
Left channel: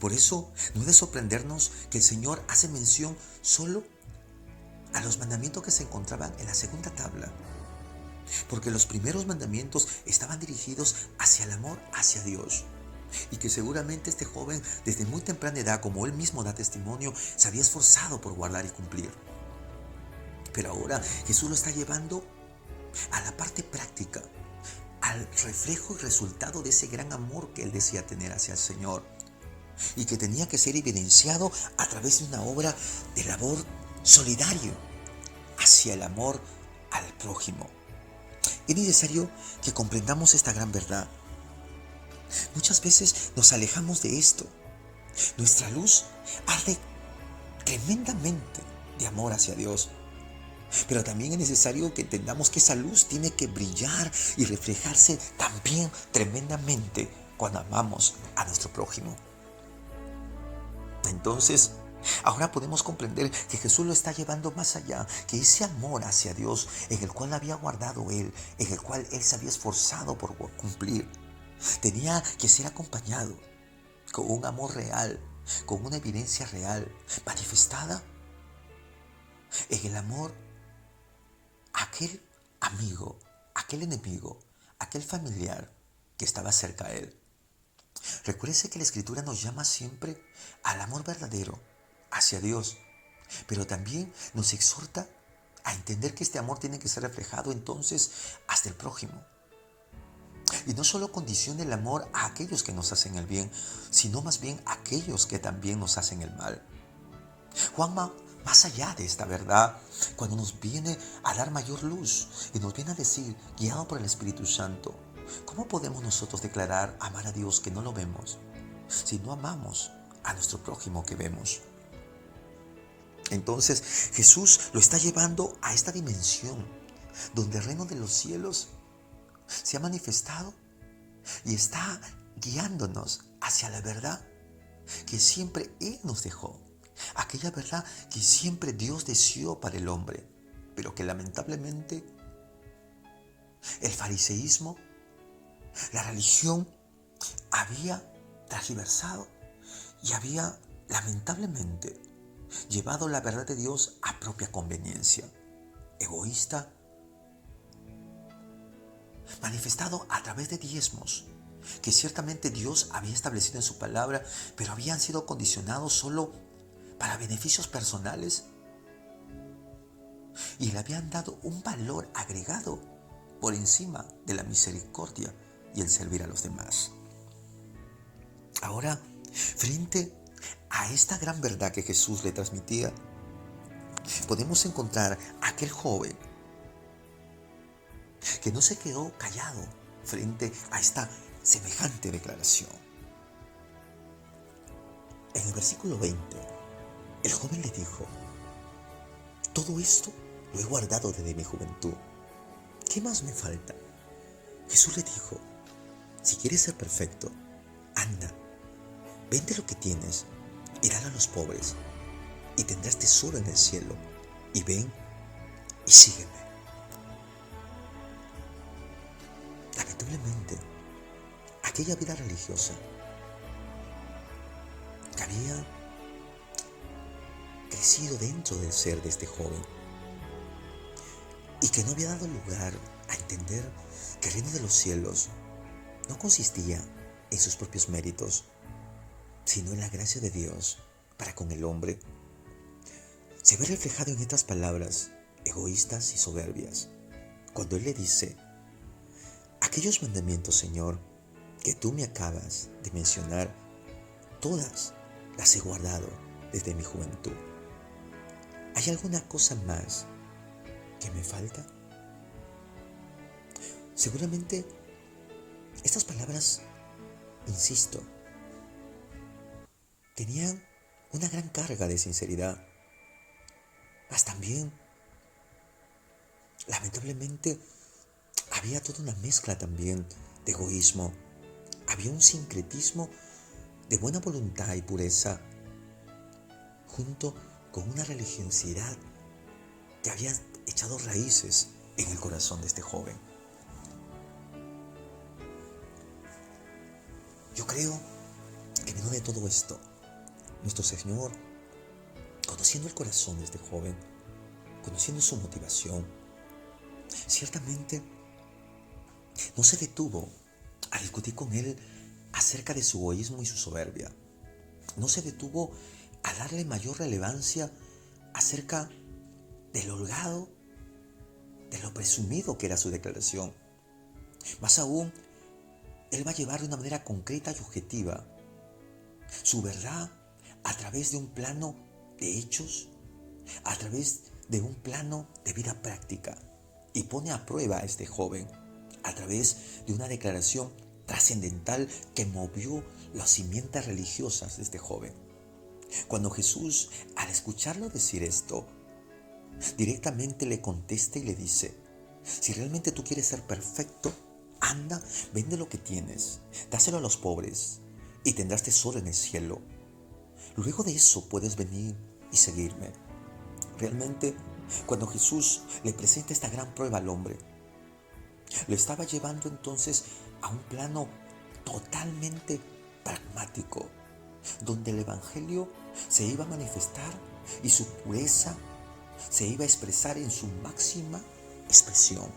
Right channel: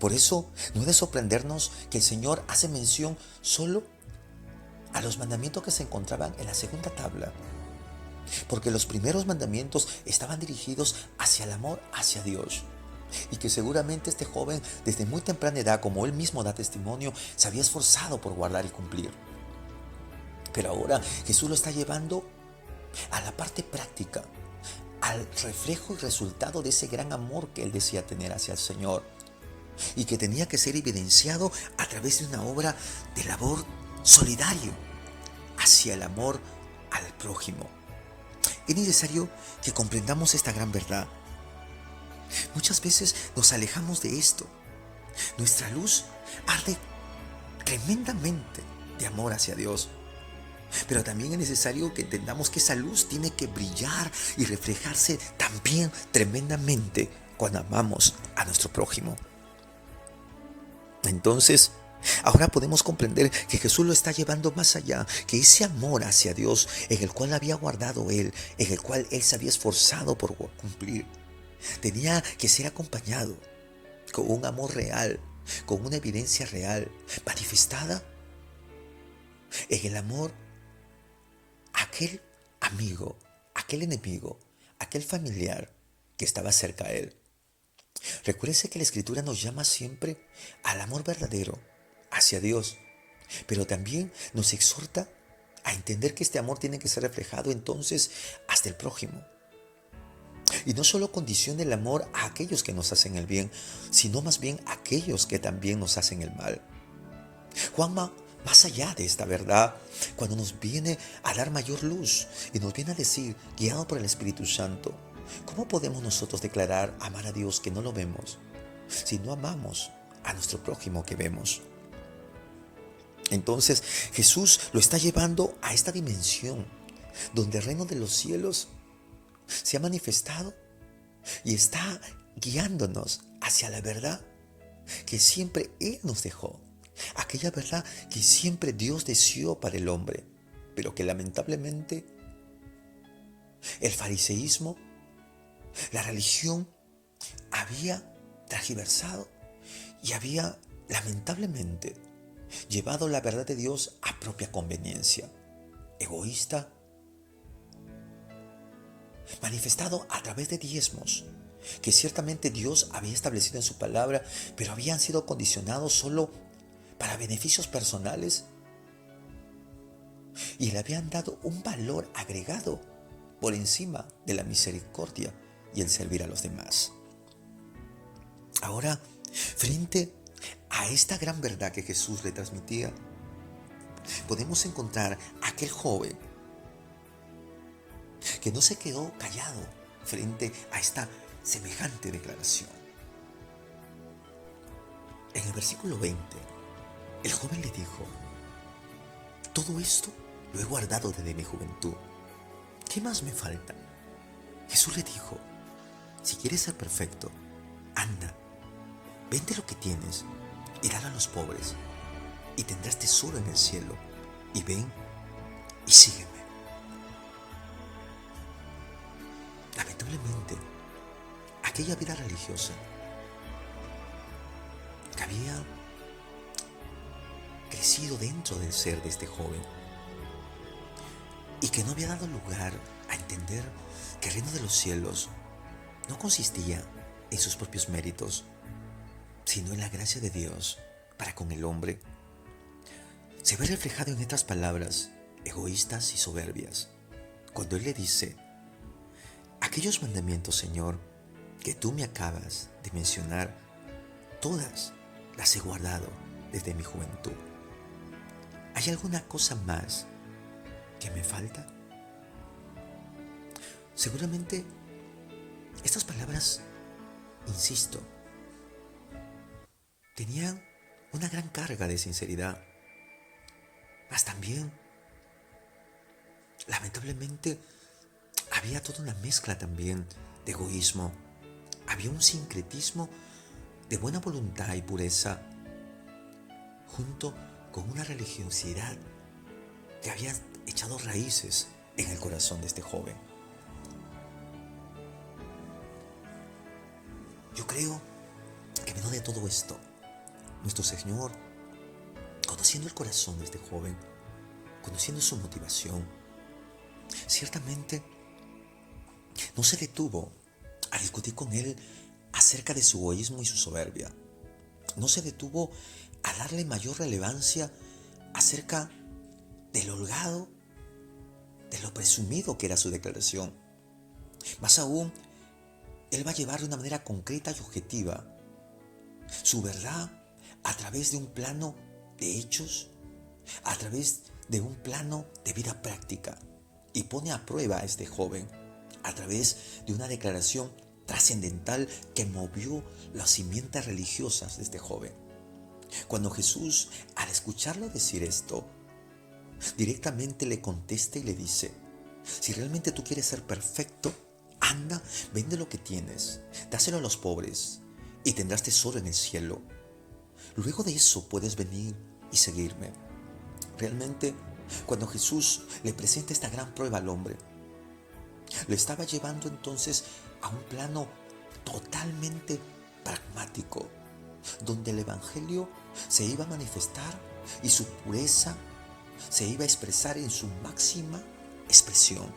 Por eso no es de sorprendernos que el Señor hace mención solo a los mandamientos que se encontraban en la segunda tabla. Porque los primeros mandamientos estaban dirigidos hacia el amor hacia Dios. Y que seguramente este joven, desde muy temprana edad, como él mismo da testimonio, se había esforzado por guardar y cumplir. Pero ahora Jesús lo está llevando a la parte práctica, al reflejo y resultado de ese gran amor que él decía tener hacia el Señor. Y que tenía que ser evidenciado a través de una obra de labor solidario hacia el amor al prójimo. Es necesario que comprendamos esta gran verdad. Muchas veces nos alejamos de esto. Nuestra luz arde tremendamente de amor hacia Dios. Pero también es necesario que entendamos que esa luz tiene que brillar y reflejarse también tremendamente cuando amamos a nuestro prójimo. Entonces, ahora podemos comprender que Jesús lo está llevando más allá, que ese amor hacia Dios en el cual había guardado Él, en el cual Él se había esforzado por cumplir, tenía que ser acompañado con un amor real, con una evidencia real, manifestada en el amor a aquel amigo, aquel enemigo, aquel familiar que estaba cerca a Él. Recuérdese que la Escritura nos llama siempre al amor verdadero hacia Dios, pero también nos exhorta a entender que este amor tiene que ser reflejado entonces hasta el prójimo. Y no solo condiciona el amor a aquellos que nos hacen el bien, sino más bien a aquellos que también nos hacen el mal. Juan va más allá de esta verdad cuando nos viene a dar mayor luz y nos viene a decir, guiado por el Espíritu Santo, ¿cómo podemos nosotros declarar amar a Dios que no lo vemos si no amamos a nuestro prójimo que vemos? Entonces Jesús lo está llevando a esta dimensión donde el reino de los cielos se ha manifestado y está guiándonos hacia la verdad que siempre Él nos dejó. Aquella verdad que siempre Dios deseó para el hombre, pero que lamentablemente el fariseísmo, la religión, había tergiversado y había lamentablemente llevado la verdad de Dios a propia conveniencia, egoísta, manifestado a través de diezmos que ciertamente Dios había establecido en su palabra, pero habían sido condicionados solo para beneficios personales y le habían dado un valor agregado por encima de la misericordia y el servir a los demás. Ahora, frente a esta gran verdad que Jesús le transmitía, podemos encontrar a aquel joven que no se quedó callado frente a esta semejante declaración. En el versículo 20, el joven le dijo: todo esto lo he guardado desde mi juventud. ¿Qué más me falta? Jesús le dijo: si quieres ser perfecto, anda, vende lo que tienes y dale a los pobres, y tendrás tesoro en el cielo, y ven y sígueme. Lamentablemente, aquella vida religiosa que había crecido dentro del ser de este joven y que no había dado lugar a entender que el reino de los cielos no consistía en sus propios méritos, sino en la gracia de Dios para con el hombre, se ve reflejado en estas palabras egoístas y soberbias, cuando Él le dice: aquellos mandamientos, Señor, que tú me acabas de mencionar, todas las he guardado desde mi juventud. ¿Hay alguna cosa más que me falta? Seguramente estas palabras, insisto, tenían una gran carga de sinceridad, mas también, lamentablemente, había toda una mezcla también de egoísmo. Había un sincretismo de buena voluntad y pureza, junto con una religiosidad que había echado raíces en el corazón de este joven. Yo creo que en medio de todo esto, nuestro Señor, conociendo el corazón de este joven, conociendo su motivación, ciertamente no se detuvo a discutir con él acerca de su egoísmo y su soberbia. No se detuvo a darle mayor relevancia acerca de lo holgado, de lo presumido que era su declaración. Más aún, él va a llevar de una manera concreta y objetiva su verdad a través de un plano de hechos, a través de un plano de vida práctica, y pone a prueba a este joven a través de una declaración trascendental que movió las simientes religiosas de este joven. Cuando Jesús, al escucharlo decir esto, directamente le contesta y le dice: si realmente tú quieres ser perfecto, anda, vende lo que tienes, dáselo a los pobres y tendrás tesoro en el cielo. Luego de eso puedes venir y seguirme. Realmente, cuando Jesús le presenta esta gran prueba al hombre, lo estaba llevando entonces a un plano totalmente pragmático, donde el Evangelio se iba a manifestar y su pureza se iba a expresar en su máxima expresión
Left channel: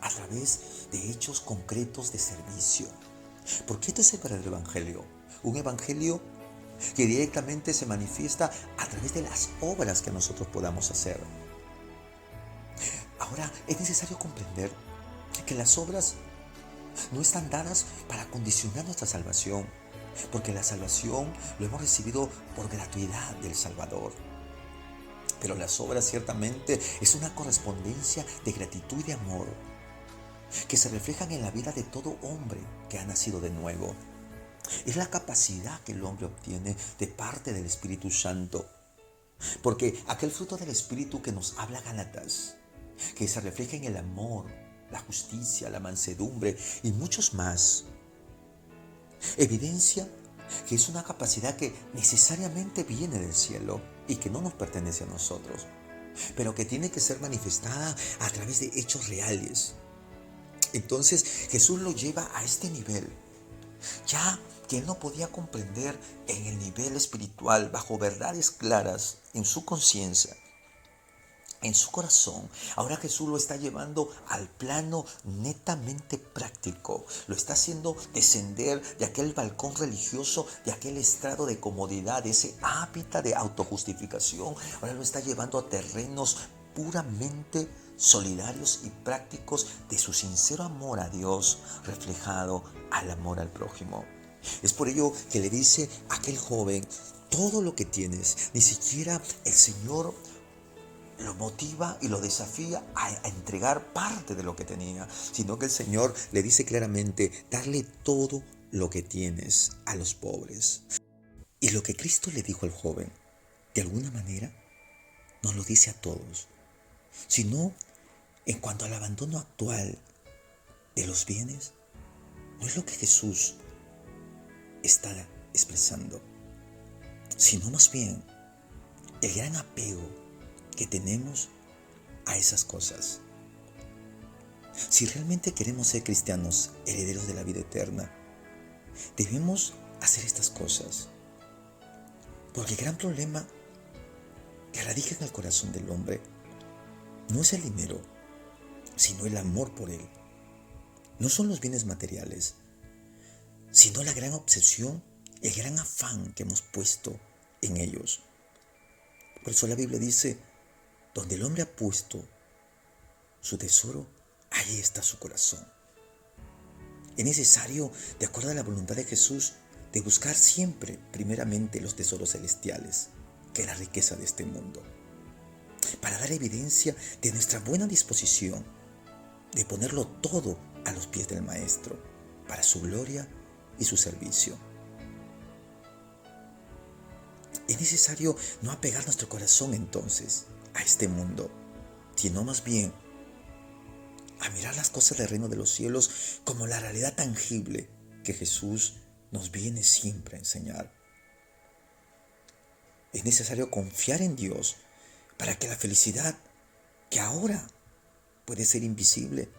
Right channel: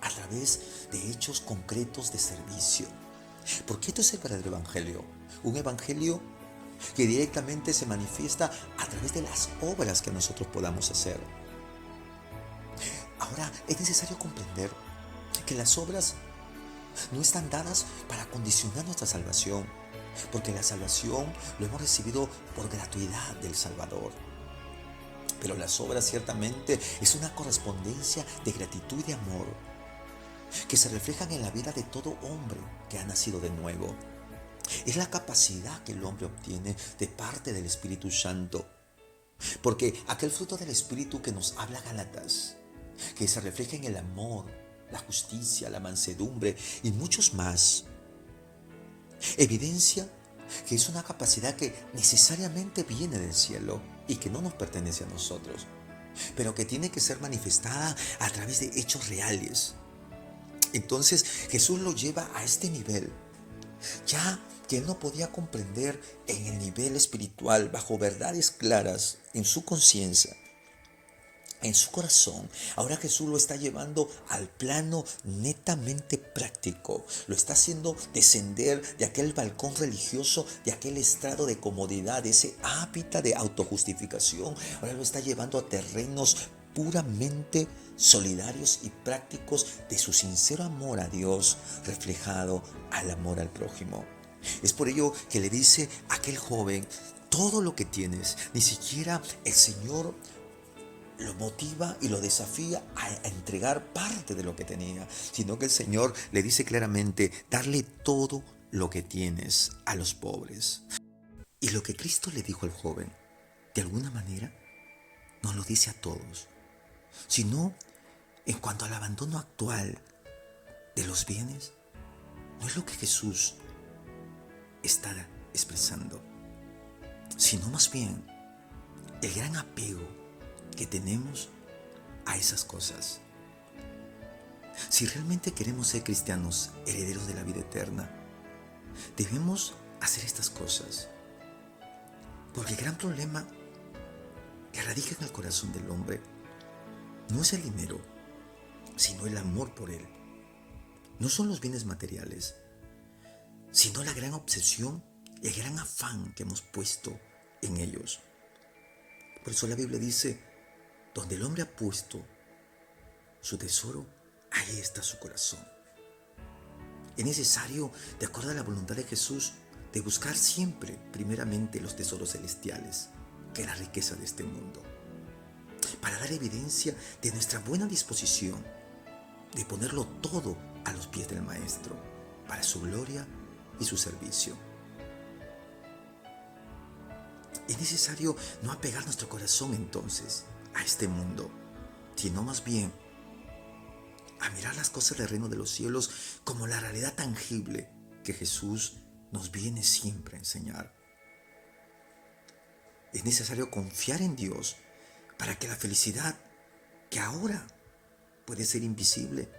a través de hechos concretos de servicio. Porque esto es el verdadero Evangelio, un Evangelio que directamente se manifiesta a través de las obras que nosotros podamos hacer. Ahora, es necesario comprender que las obras no están dadas para condicionar nuestra salvación, porque la salvación lo hemos recibido por gratuidad del Salvador. Pero las obras ciertamente es una correspondencia de gratitud y de amor que se reflejan en la vida de todo hombre que ha nacido de nuevo. Es la capacidad que el hombre obtiene de parte del Espíritu Santo. Porque aquel fruto del Espíritu que nos habla Gálatas, que se refleja en el amor, la justicia, la mansedumbre y muchos más, evidencia que es una capacidad que necesariamente viene del cielo y que no nos pertenece a nosotros, pero que tiene que ser manifestada a través de hechos reales. Entonces Jesús lo lleva a este nivel, ya que él no podía comprender en el nivel espiritual, bajo verdades claras en su conciencia, en su corazón. Ahora Jesús lo está llevando al plano netamente práctico. Lo está haciendo descender de aquel balcón religioso, de aquel estrado de comodidad, de ese hábitat de autojustificación. Ahora lo está llevando a terrenos puramente solidarios y prácticos de su sincero amor a Dios, reflejado al amor al prójimo. Es por ello que le dice a aquel joven: todo lo que tienes. Ni siquiera el Señor lo motiva y lo desafía a entregar parte de lo que tenía, sino que el Señor le dice claramente: darle todo lo que tienes a los pobres. Y lo que Cristo le dijo al joven, de alguna manera, no lo dice a todos, sino en cuanto al abandono actual de los bienes, no es lo que Jesús está expresando, sino más bien el gran apego que tenemos a esas cosas. Si realmente queremos ser cristianos, herederos de la vida eterna, debemos hacer estas cosas. Porque el gran problema que radica en el corazón del hombre no es el dinero, sino el amor por él. No son los bienes materiales, sino la gran obsesión el gran afán que hemos puesto en ellos. Por eso la Biblia dice, donde el hombre ha puesto su tesoro, ahí está su corazón. Es necesario, de acuerdo a la voluntad de Jesús, de buscar siempre, primeramente, los tesoros celestiales, que es la riqueza de este mundo, para dar evidencia de nuestra buena disposición, de ponerlo todo a los pies del Maestro, para su gloria y su servicio. Es necesario no apegar nuestro corazón entonces a este mundo, sino más bien a mirar las cosas del reino de los cielos como la realidad tangible que Jesús nos viene siempre a enseñar. Es necesario confiar en Dios para que la felicidad, que ahora puede ser invisible,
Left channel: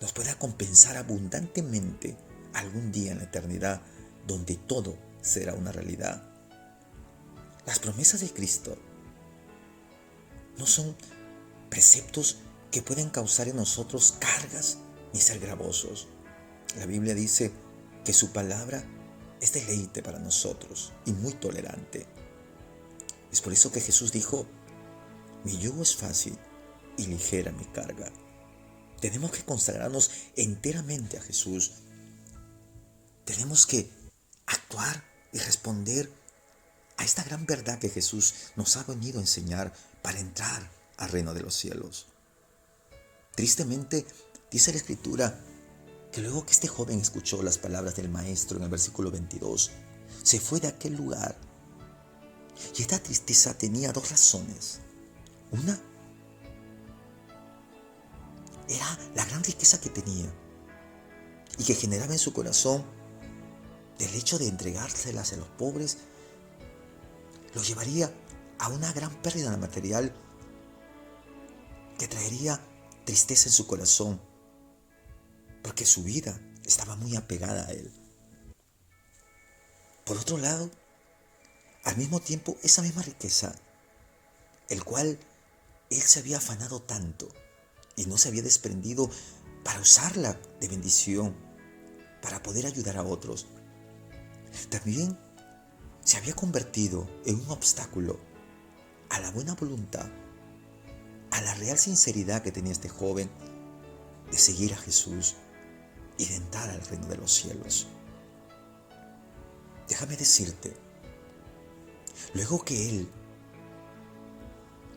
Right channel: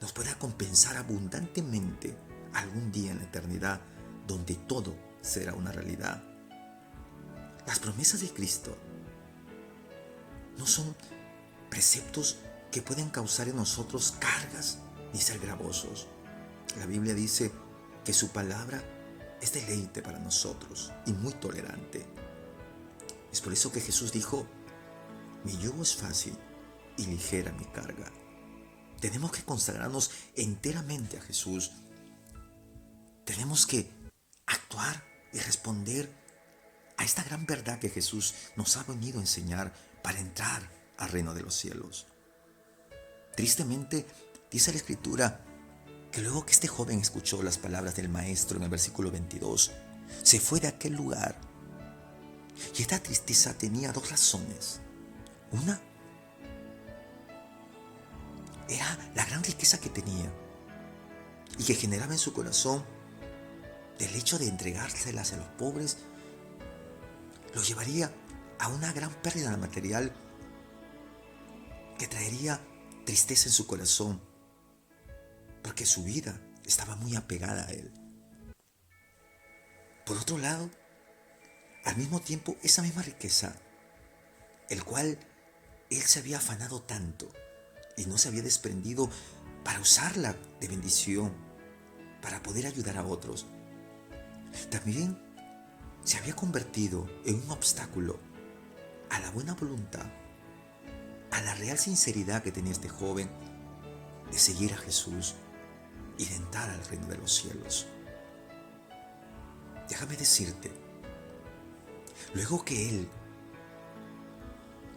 nos pueda compensar abundantemente algún día en la eternidad, donde todo será una realidad. Las promesas de Cristo no son preceptos que pueden causar en nosotros cargas ni ser gravosos. La Biblia dice que su palabra es deleite para nosotros y muy tolerante. Es por eso que Jesús dijo, mi yugo es fácil y ligera mi carga. Tenemos que consagrarnos enteramente a Jesús. Tenemos que actuar y responder a esta gran verdad que Jesús nos ha venido a enseñar para entrar al reino de los cielos. Tristemente, dice la Escritura que luego que este joven escuchó las palabras del Maestro en el versículo 22, se fue de aquel lugar. Y esta tristeza tenía dos razones. Una era la gran riqueza que tenía y que generaba en su corazón del hecho de entregárselas a los pobres, lo llevaría a una gran pérdida material que traería tristeza en su corazón, porque su vida estaba muy apegada a él. Por otro lado, al mismo tiempo, esa misma riqueza, el cual él se había afanado tanto y no se había desprendido para usarla de bendición, para poder ayudar a otros, también se había convertido en un obstáculo a la buena voluntad, a la real sinceridad que tenía este joven de seguir a Jesús y de entrar al reino de los cielos. Déjame decirte, luego que él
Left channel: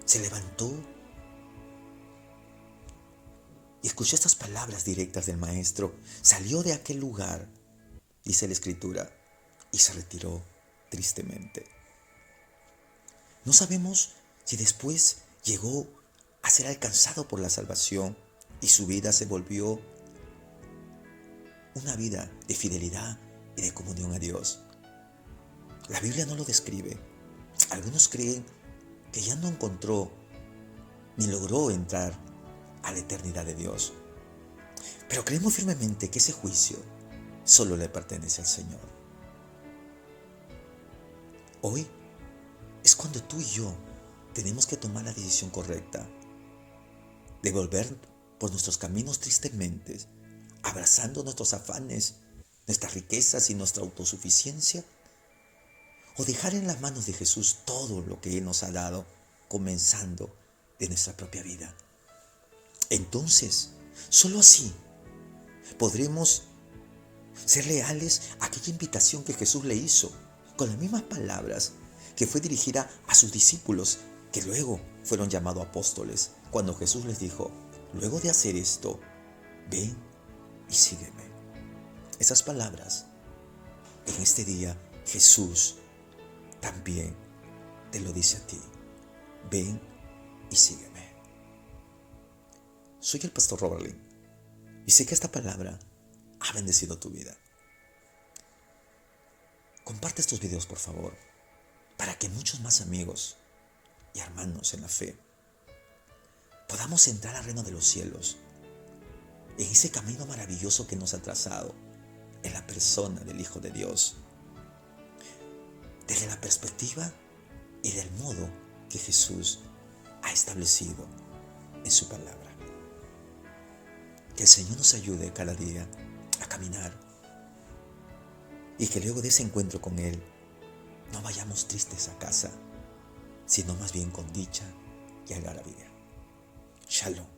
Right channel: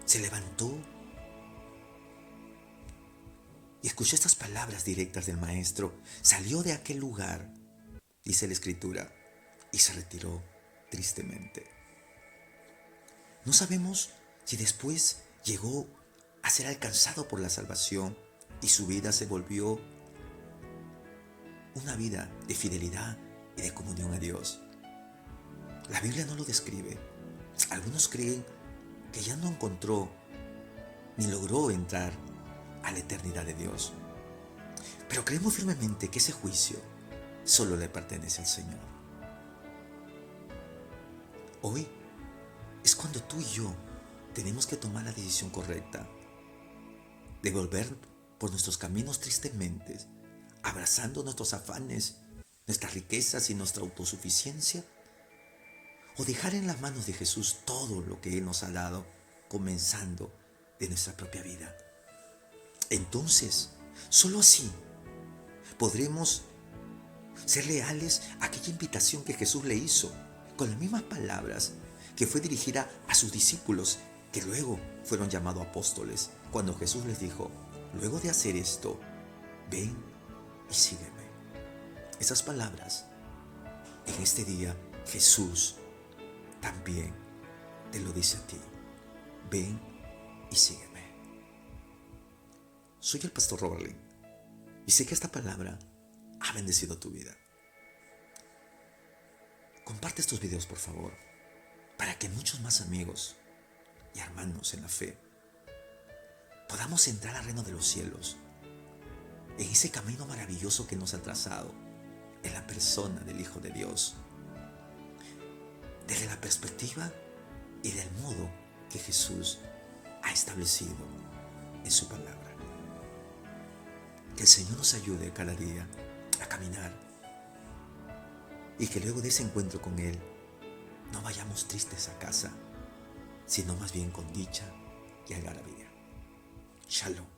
se levantó y escuchó estas palabras directas del Maestro, salió de aquel lugar, dice la Escritura, y se retiró tristemente. No sabemos si después llegó a ser alcanzado por la salvación y su vida se volvió una vida de fidelidad y de comunión a Dios. La Biblia no lo describe. Algunos creen que ya no encontró ni logró entrar a la eternidad de Dios. Pero creemos firmemente que ese juicio solo le pertenece al Señor. Hoy es cuando tú y yo tenemos que tomar la decisión correcta de volver por nuestros caminos tristemente, abrazando nuestros afanes, nuestras riquezas y nuestra autosuficiencia, o dejar en las manos de Jesús todo lo que Él nos ha dado, comenzando de nuestra propia vida. Entonces, solo así podremos ser leales a aquella invitación que Jesús le hizo, con las mismas palabras que fue dirigida a sus discípulos, que luego fueron llamados apóstoles, cuando Jesús les dijo, luego de hacer esto, ven y sígueme. Esas palabras, en este día, Jesús también te lo dice a ti. Ven y sígueme. Soy el pastor Robert Lin y sé que esta palabra ha bendecido tu vida. Comparte estos videos, por favor, para que muchos más amigos y hermanos en la fe podamos entrar al reino de los cielos, en ese camino maravilloso que nos ha trazado en la persona del Hijo de Dios, desde la perspectiva y del modo que Jesús ha establecido en su palabra. Que el Señor nos ayude cada día a caminar y que luego de ese encuentro con Él no vayamos tristes a casa, sino más bien con dicha y algarabía. Shalom.